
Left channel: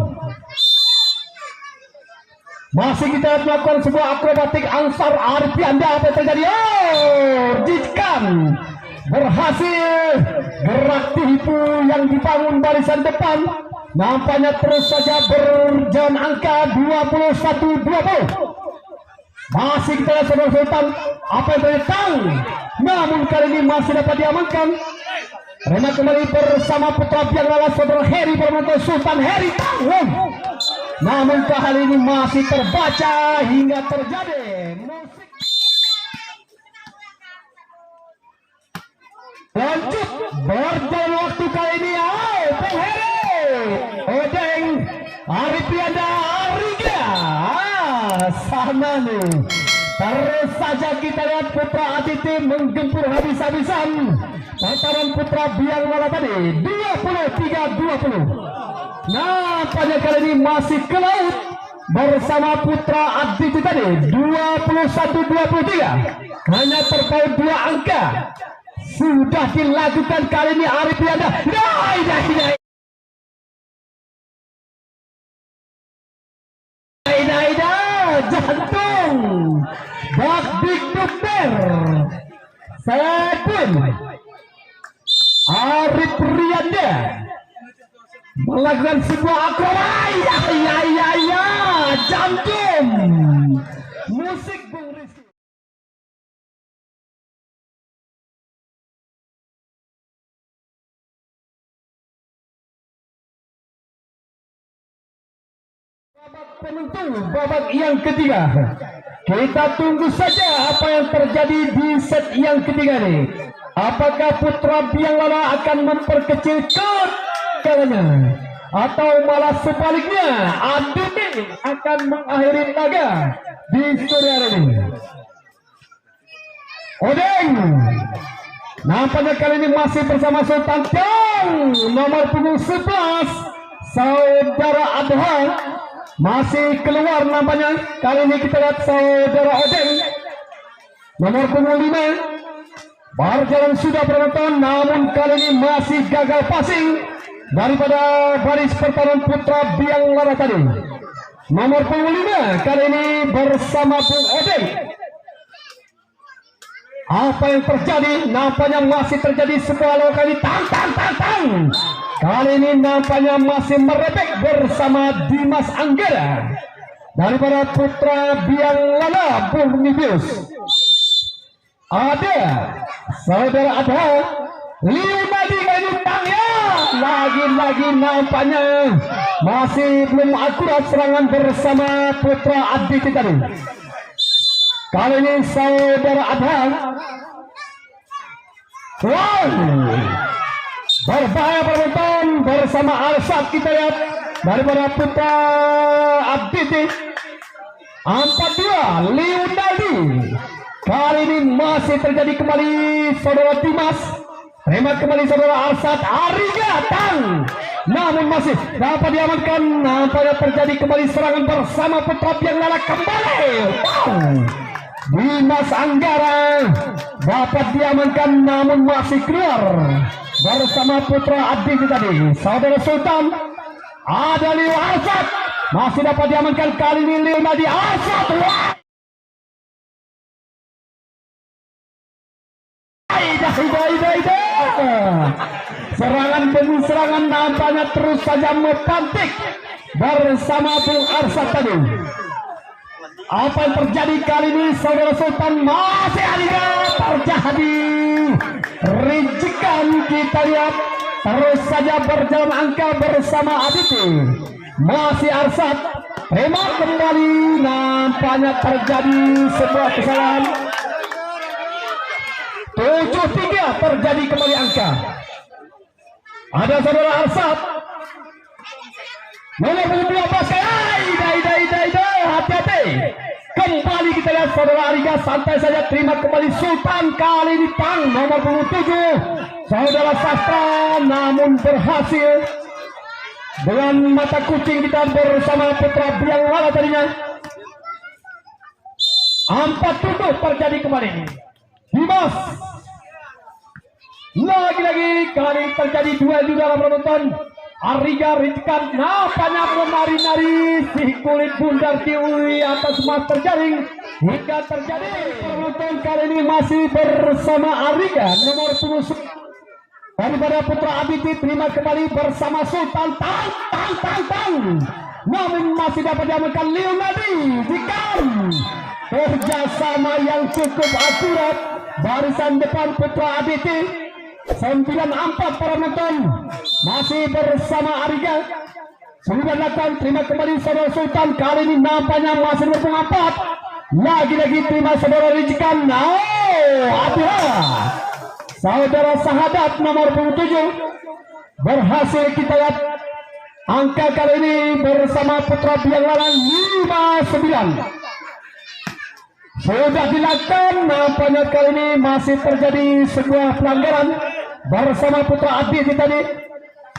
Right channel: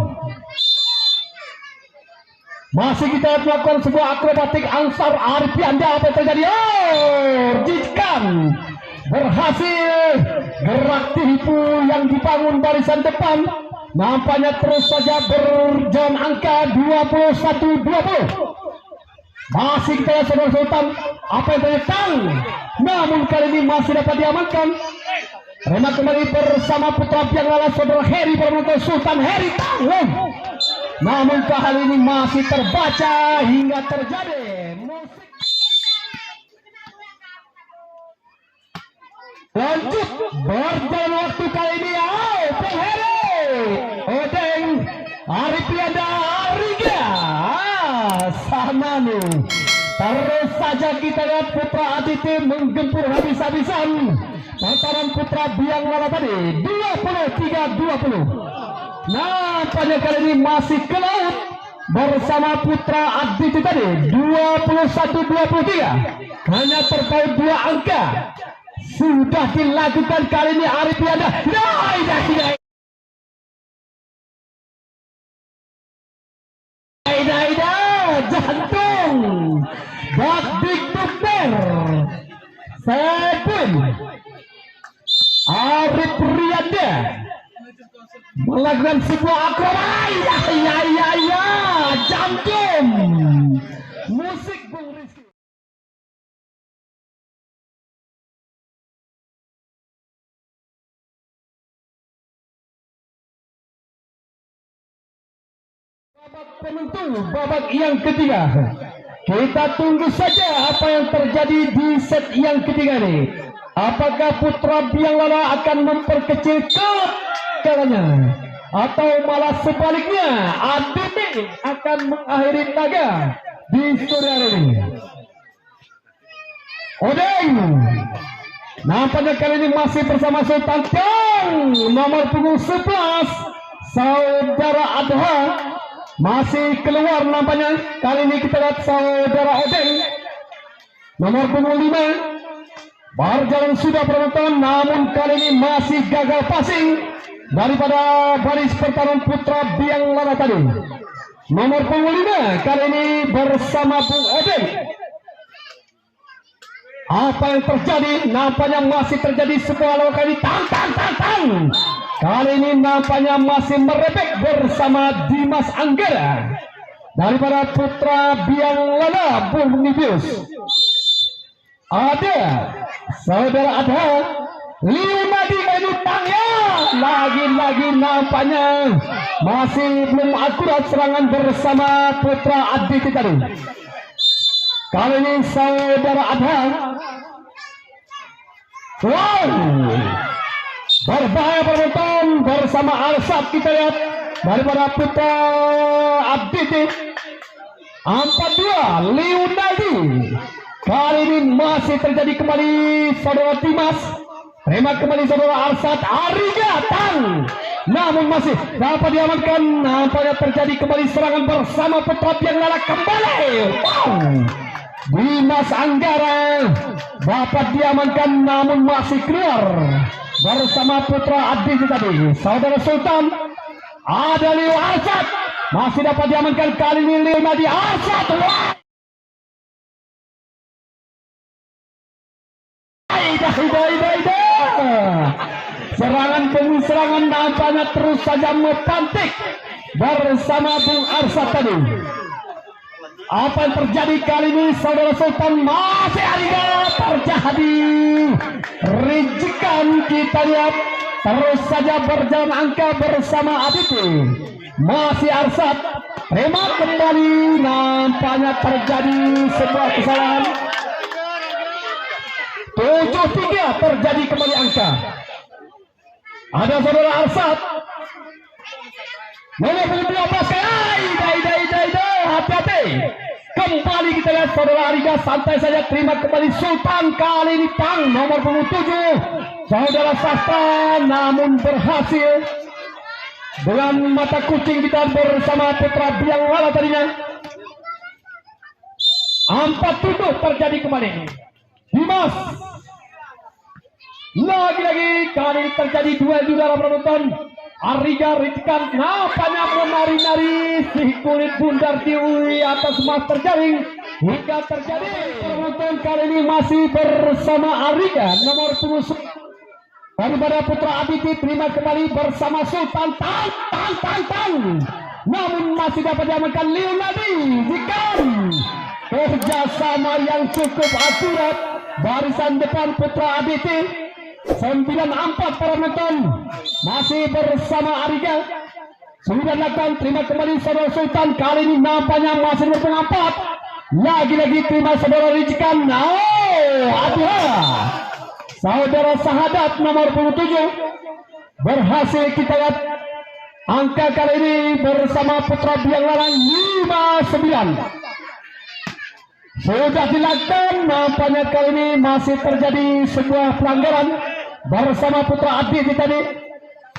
Masih kita melakukan sebuah akrobatik angsar Arif Anda apa yang terjadi? Jikan berhasil gerak tipu yang dibangun barisan depan. Nampaknya terus saja berjalan angka 21-20. Masih kita lihat saudara Sultan apa yang terjadi, namun kali ini masih dapat diamankan. Rema kembali bersama Putra Biang Lala saudara Heri penonton Sultan Heri Tanggung. Namun kali ini masih terbaca hingga terjadi musik. Lanjut berjalan waktu kali ini. Bang Heri Odeng Arif Anda Ariga sana nih. Terus saja kita lihat Putra Aditi menggempur habis-habisan. Pertarungan Putra Biang Lala tadi 23-20. Nah pada kali ini masih ke laut bersama Putra Aditi tadi 21-23. Hanya terpaut 2 angka. Sudah dilakukan kali ini Arif Anda. Jantung Dakdik Dokter Sepun Arif Riyanda melakukan sebuah akrobat. Ya jantung musik Bung Rizky. Penentu babak yang ketiga. Kita tunggu saja apa yang terjadi di set yang ketiga ini. Apakah Putra Biang Lala akan memperkecil kalahnya atau malah sebaliknya Aditi akan mengakhiri laga di sore ini. Odeng nampaknya kali ini masih bersama Sultan Tang nomor punggung 11 saudara Adha. Masih keluar nampaknya. Kali ini kita lihat saudara Odeng nomor punggung 5 berjalan sudah penonton, namun kali ini masih gagal passing daripada baris pertarungan Putra Biang Lala tadi. Nomor punggung 5 kali ini bersama Bung Odeng. Apa yang terjadi? Nampaknya masih terjadi sebuah lokasi tang. Kali ini nampaknya masih merebek bersama Dimas Anggara daripada Putra Biang Lala Burnibius. Ada saudara Adha Liunadi Kanutangnya. Lagi-lagi nampaknya masih belum akurat serangan bersama Putra Aditi tadi. Kali ini saudara Adha berbahaya penonton bersama Alsat. Kita lihat daripada Putra Aditi 42 Liunadi. Kali ini masih terjadi kembali saudara Dimas. Terima kembali saudara Alsat Ariga Tang. Namun masih dapat diamankan. Nampaknya terjadi kembali serangan bersama Putra Biang Lala kembali. Dimas Anggara dapat diamankan namun masih keluar bersama Putra Aditi tadi. Saudara Sultan ada Leo Alsat masih dapat diamankan. Kali ini Leo Nadi Alsat. Serangan demi serangan nampaknya terus saja mengkantik bersama Bung Arsat tadi. Apa yang terjadi kali ini saudara Sultan? Masih ada terjadi rincikan. Kita lihat terus saja berjalan angka bersama Aditi. Masih Arsat. Terima kembali. Nampaknya terjadi sebuah kesalahan. 7-3 terjadi kembali angka. Ada saudara Arsat nomor 12. Hati-hati. Kembali kita lihat saudara Ariga santai saja. Terima kembali Sultan. Kali ini Tang nomor 7 saudara Sasta namun berhasil dengan mata kucing kita bersama Putra Biang Lala tadinya. 4-7 terjadi kembali. Dimas Lagi-lagi kali terjadi duel di dalam penonton. Ariga Rizkan nampaknya menari-nari si kulit bundar di atas mas terjaring hingga terjadi penonton kali ini masih bersama Ariga nomor 10 daripada Putra Abiti. Terima kembali bersama Sultan Tang. Namun masih dapat diamankan Leonardi jika kerjasama yang cukup akurat barisan depan Putra Abiti 94 para penonton masih bersama Ariga sudah dilakukan. Terima kembali saudara Sultan kali ini nampaknya masih berpengapat lagi-lagi terima saudara Rizkan. Saudara Sahadat nomor 27 berhasil kita lihat angka kali ini bersama Putra Biang Laran 59 sudah dilakukan. Nampaknya kali ini masih terjadi sebuah pelanggaran bersama Putra Abdi tadi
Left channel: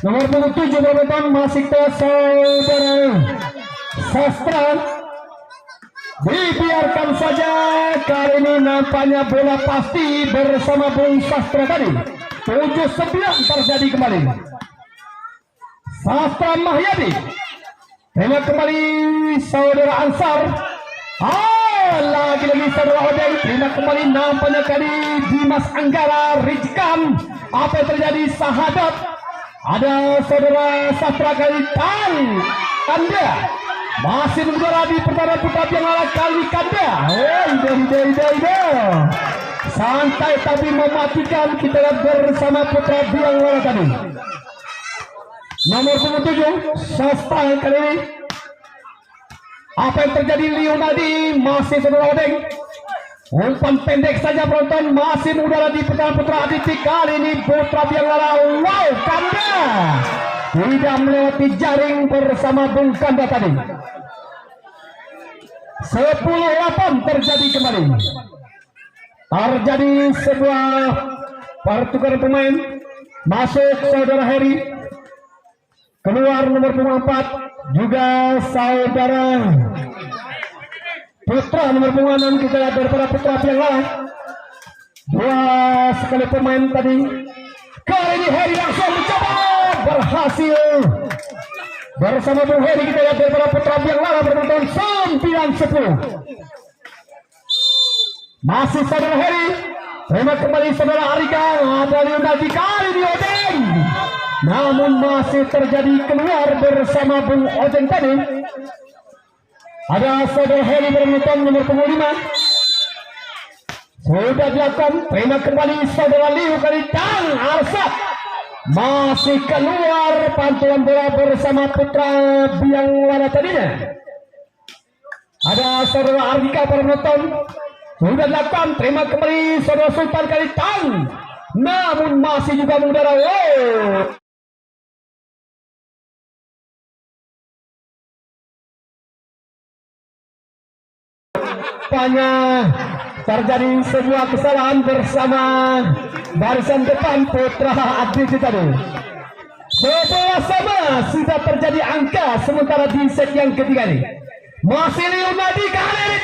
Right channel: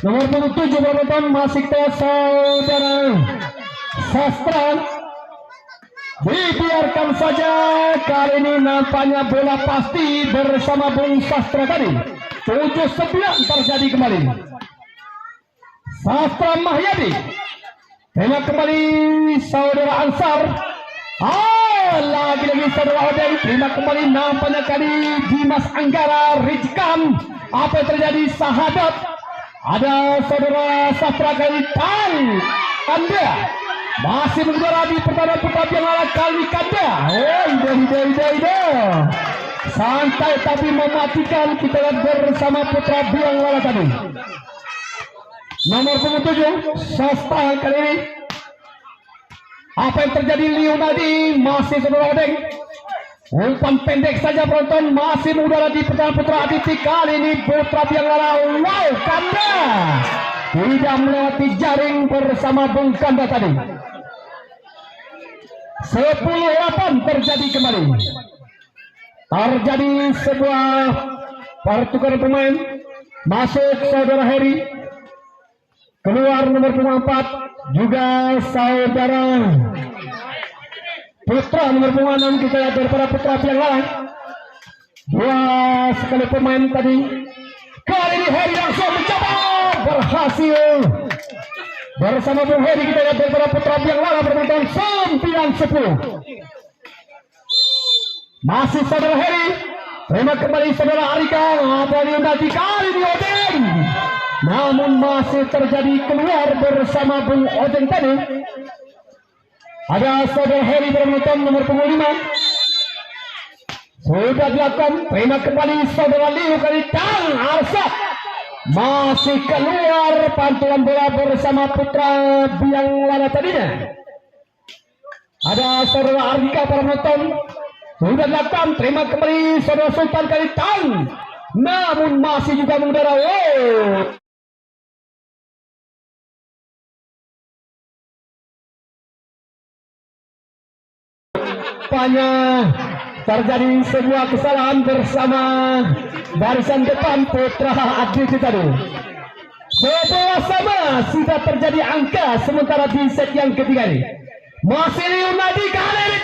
nomor 27 penonton masih kita saudara Sastra. Dibiarkan saja kali ini nampaknya bola pasti bersama Bung Sastra tadi 79 terjadi kembali. Sastra Mahyadi terima kembali saudara Ansar. Lagi-lagi saudara Odeng terima kembali nampaknya kali Dimas Anggara Rizkan. Apa yang terjadi Sahadat ada saudara Sastra kali Anda masih berbicara di pertandingan Putra Biang Laran kali Kanda. Ide. Santai tapi mematikan kita lihat bersama Putra Biang Laran tadi nomor 97 Sastra kali ini. Apa yang terjadi Leonardi masih saudara Odeng umpan pendek saja penonton masih mengudara di pertahanan Putra Aditi. Kali ini Putra Biang Laran Kanda tidak melewati jaring bersama Bung Kanda tadi. 10-8 terjadi kembali. Terjadi sebuah pertukaran pemain masuk saudara Heri keluar nomor 4 juga saudara Putra nomor 6 kita lihat daripada Putra Biang Laran. Dua sekali pemain tadi. Kali ini Heri langsung mencoba berhasil bersama Bung Heri. Kita lihat daripada Putra Biang Laran berpenonton 9-10 masih saudara Heri. Terima kembali saudara Arika. Ada Leonardi kali ini Odeng namun masih terjadi keluar bersama Bung Odeng tadi. Ada saudara Heri bermenonton nomor 5 sudah dilakukan. Terima kembali saudara Liu kali Arsat masih keluar pantulan bola bersama Putra Biang Laran tadinya. Ada saudara Ardika bermenonton sudah dilakukan. Terima kembali saudara Sultan kali namun masih juga mengudara. Terjadi sebuah kesalahan bersama barisan depan Putra Aditi tadi. 11-sama sudah terjadi angka sementara di set yang ketiga ini. Masih Leonardi kali ini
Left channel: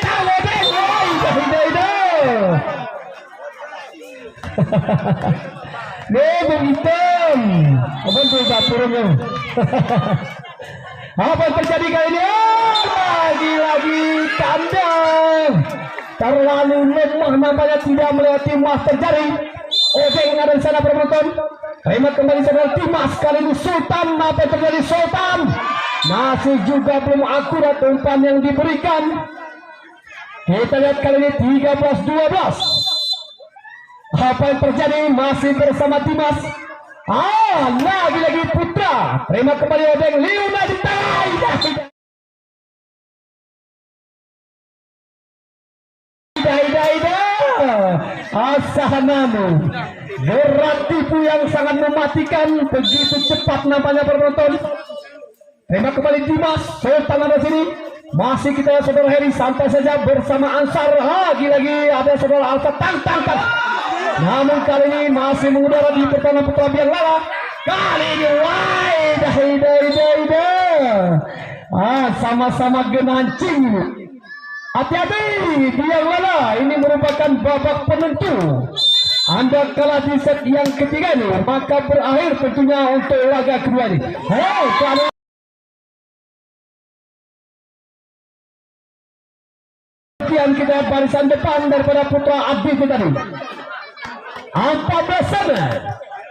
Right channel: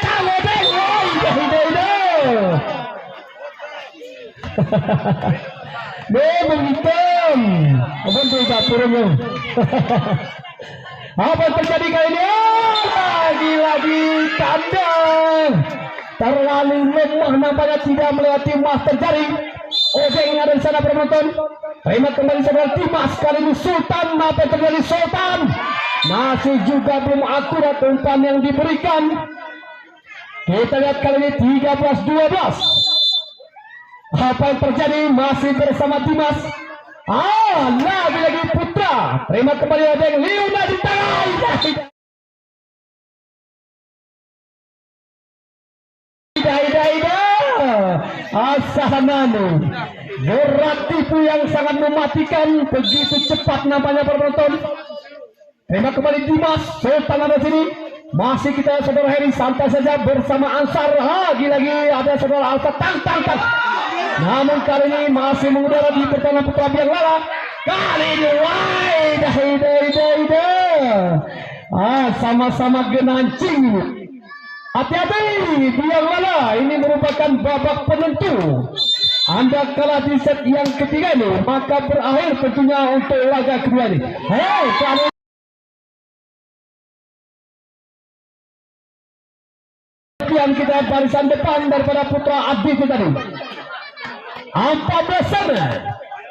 apa yang terjadi kali ini? Lagi-lagi kandang terlalu lemah nampaknya tidak melewati master jaring. Odeng dan sana penonton. Terima kembali saudara Dimas kali ini Sultan. Apa yang terjadi Sultan? Masih juga belum akurat umpan yang diberikan. Kita lihat kali ini 13-12. Apa yang terjadi masih bersama Dimas. Lagi-lagi Putra. Terima kembali Odeng Leonardi. Asahananu berat tipu yang sangat mematikan begitu cepat nampaknya penonton. Terima kembali Dimas Sultan ada sini. Masih kita saudara Heri santai saja bersama Ansar. Lagi-lagi ada saudara Alfa tangkas. Namun kali ini masih mengudara di pertahanan Putra Biang Laran. Kali ini sama-sama genancing. Hati-hati Biang Laran, ini merupakan babak penentu Anda kalah di set yang ketiga ini, maka berakhir tentunya untuk laga kedua ini. Hei, kalau kita barisan depan daripada Putra Abdi itu tadi 14 sana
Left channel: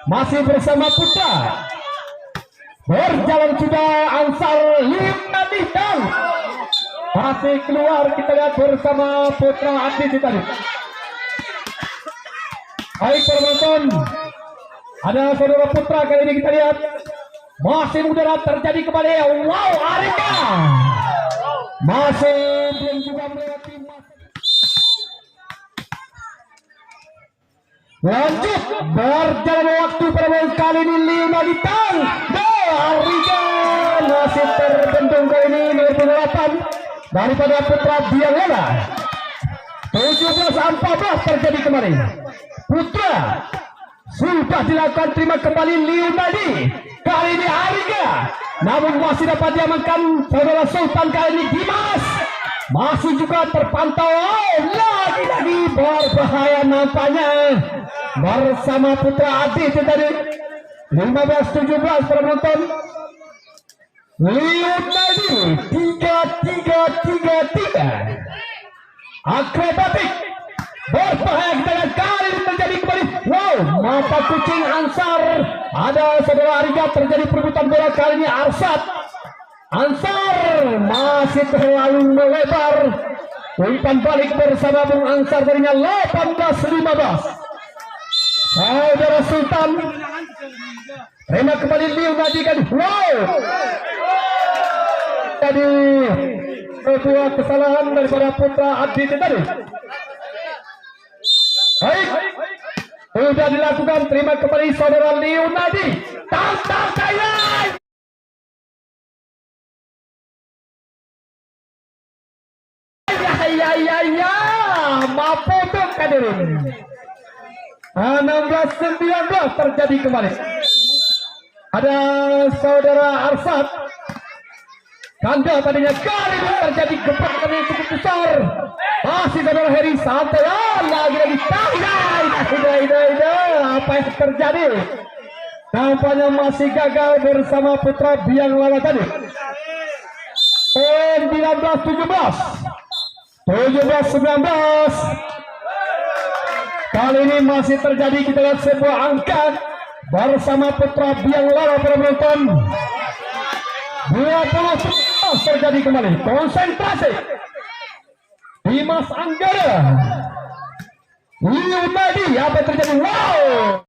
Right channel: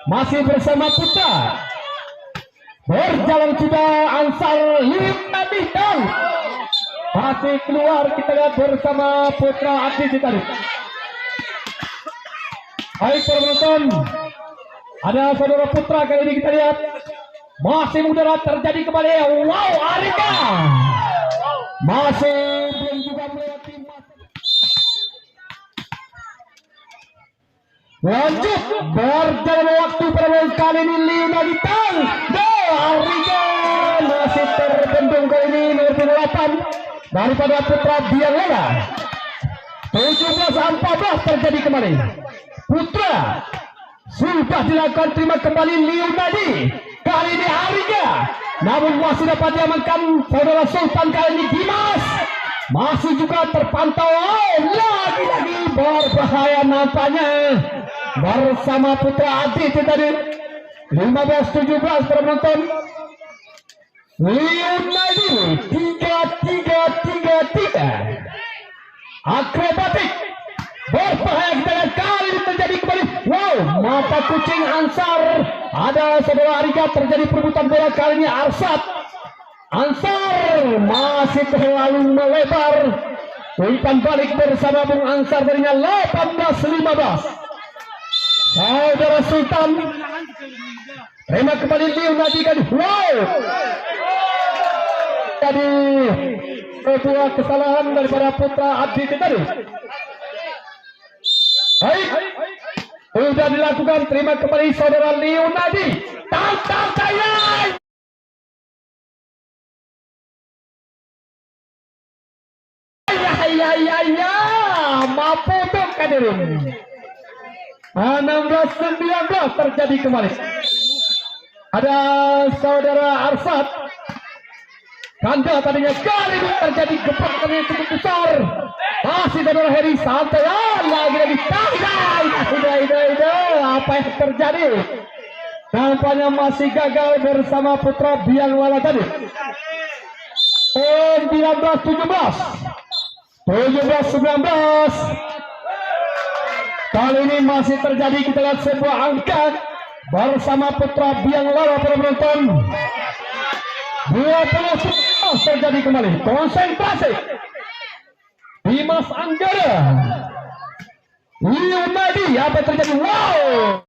masih bersama Putra, berjalan juga Ansar Liuk Nabi dan masih keluar, kita lihat bersama Putra Abdi itu tadi. Baik penonton, ada saudara Putra kali ini kita lihat masih mudah terjadi kembali. Wow, Arika masih belum juga melewati lanjut berjalan waktu pada kali ini 5 ditang. Arika masih terbendung kali ini nomor 8 daripada Putra Biangela. 17-14 terjadi kembali. Putra sudah dilakukan terima kembali Liumadi. Kali ini Arika, namun masih dapat diamankan saudara Sultan. Kali ini Dimas masih juga terpantau. Lagi-lagi berbahaya nampaknya bersama Putra Abdi itu tadi. 15-17 para penonton. Liumadi 3-3-3-3 akrobatik berbahaya, kita lihat kali ini terjadi kembali. Wow, mata kucing Ansar, ada saudara Arika, terjadi perebutan bola kali ini. Ansar masih terlalu melebar, umpan balik bersama Bung Ansar darinya 18-15. Saudara Sultan terima kembali Liumadi kan. Wow, jadi sebuah kesalahan daripada Putra Abdi itu tadi. Baik, sudah dilakukan, terima kembali saudara Liumadi. Tantang saya. Ya, mampu untuk hadirin. 16-19 terjadi kembali. Ada saudara Arsad. Kanda tadinya kali ini terjadi gebrakan yang cukup besar. Masih saudara Heri santai. Lagi-lagi apa yang terjadi? Nampaknya masih gagal bersama Putra Biangela tadi. 17-19. Kali ini masih terjadi, kita lihat sebuah angka bersama Putra Biangela para penonton. 20 terjadi kembali. Konsentrasi. Dimas Anggara. Liumadi, apa terjadi? Wow.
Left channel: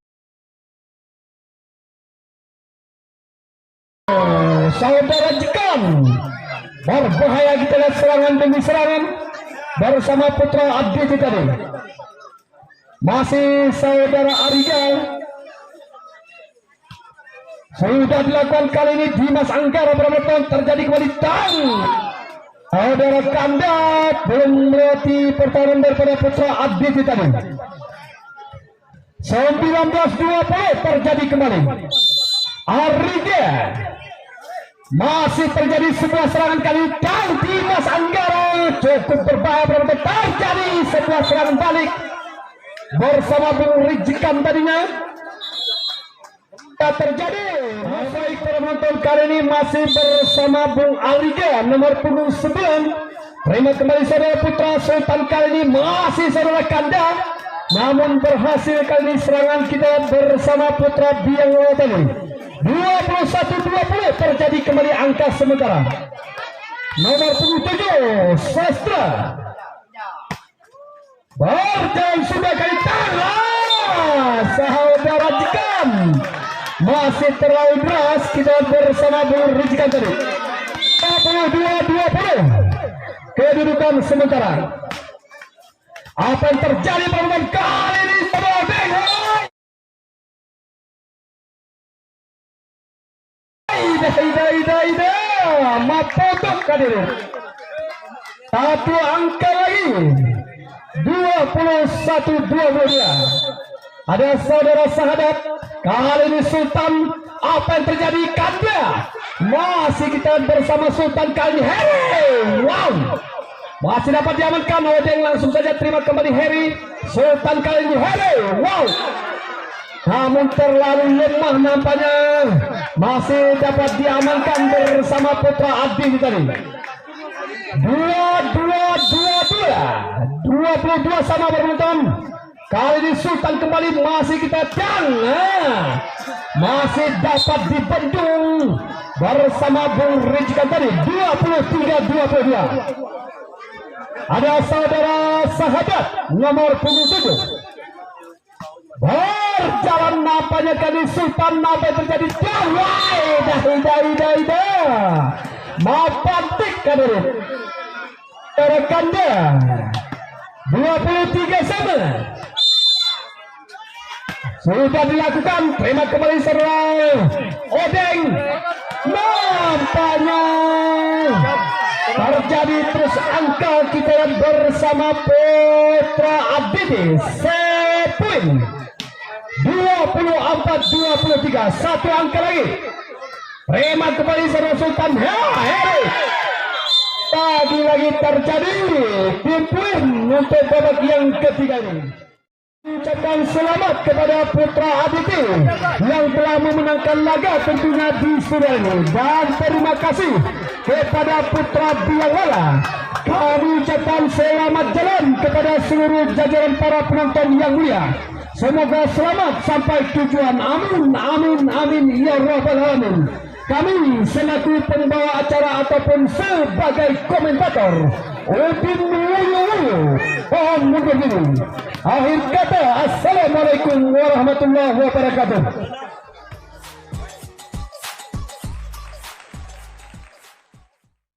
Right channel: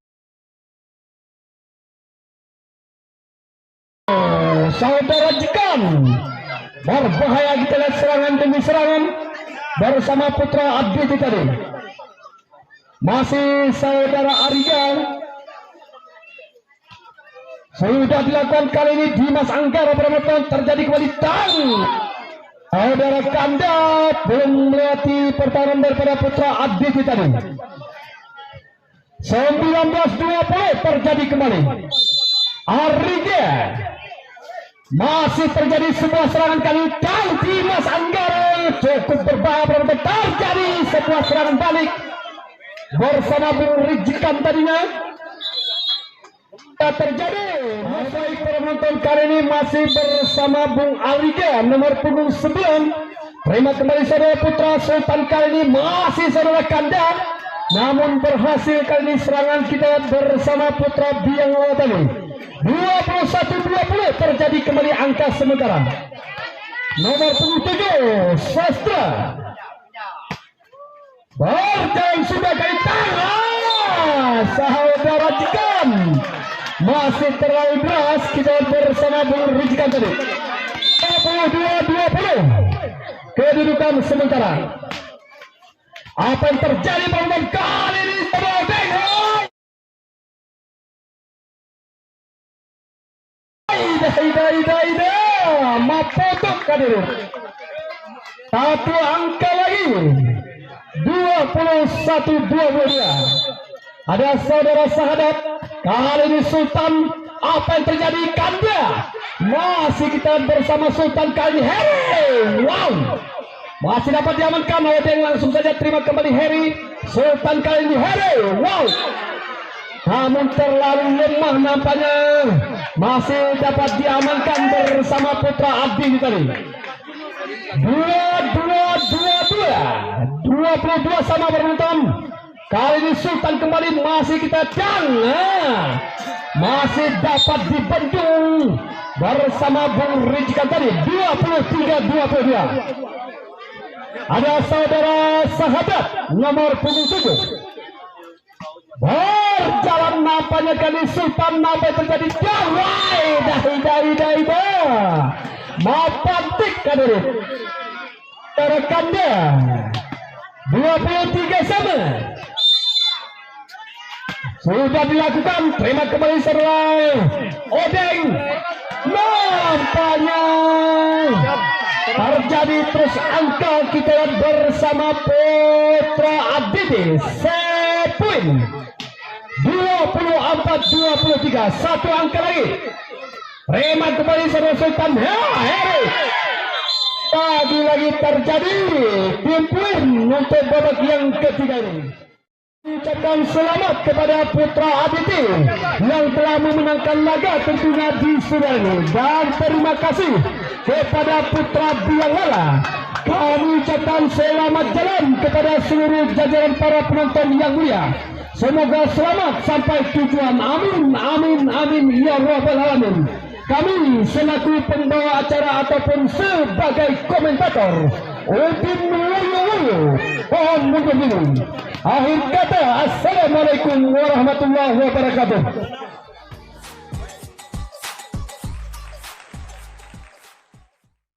Saudara Jekan berbahaya, kita lihat serangan demi serangan bersama Putra Abdi itu tadi. Masih saudara Arika. Sudah dilakukan kali ini Dimas Anggara penonton, terjadi kembali tang. Saudara Kanda belum melewati pertahanan daripada Putra Abdi itu tadi. 19-20 terjadi kembali. Arika masih terjadi sebuah serangan kali tang. Dimas Anggara cukup berbahaya penonton, terjadi sebuah serangan balik bersama Bung Rijikan tadinya. Terjadi baik para penonton, kali ini masih bersama Bung Aliga nomor punggung 9. Terima kembali saudara Putra Sultan, kali ini masih saudara Kanda, namun berhasil kali ini serangan kita bersama Putra Biangela tadi. 21-20 terjadi kembali angka sementara. Nomor punggung 7 Sastra berjalan sudah kali tangan saudara Jekan. Masih terlalu deras, kita bersama Bung Rijikan tadi. 22-20 kedudukan sementara. Apa yang terjadi teman-teman kali ini? Mapotok kadir. Satu angka lagi. 21-22. Ada saudara sahabat. Kali ini Sultan, apa yang terjadi? Kanda masih kita bersama Sultan kali ini. Hey, wow, Masih dapat diamankan oleh Deng, langsung saja terima kembali Harry. Sultan kali ini Harry. Wow. Namun terlalu lemah nampaknya. Masih dapat diamankan bersama Putra Abdi tadi. 22 sama beruntung. Kali ini Sultan kembali, masih kita masih dapat dibendung bersama Bung Rijikan tadi 23-22. Ada saudara sahabat nomor 27 berjalan nampaknya kali Sultan nampak terjadi mapatik kader rekannya 23 sama sudah dilakukan. Terima kembali serai Odeng, nampaknya terjadi terus angka kita bersama Putra Abdi. Set poin 24-23, satu angka lagi. Terima kembali sama Sultan Harry. Tadi lagi terjadi timpun untuk babak yang ketiga ini. Ucapkan selamat kepada Putra Abdi yang telah memenangkan laga tentunya di Sudan ini, dan terima kasih kepada Putra Biawala. Kami ucapkan selamat jalan kepada seluruh jajaran para penonton yang mulia. Semoga selamat sampai tujuan. Amin, amin, amin ya rabbal alamin. Kami selaku pembawa acara ataupun sebagai komentator Udin Mulyo mohon mengundur diri. Akhir kata, assalamualaikum warahmatullahi wabarakatuh.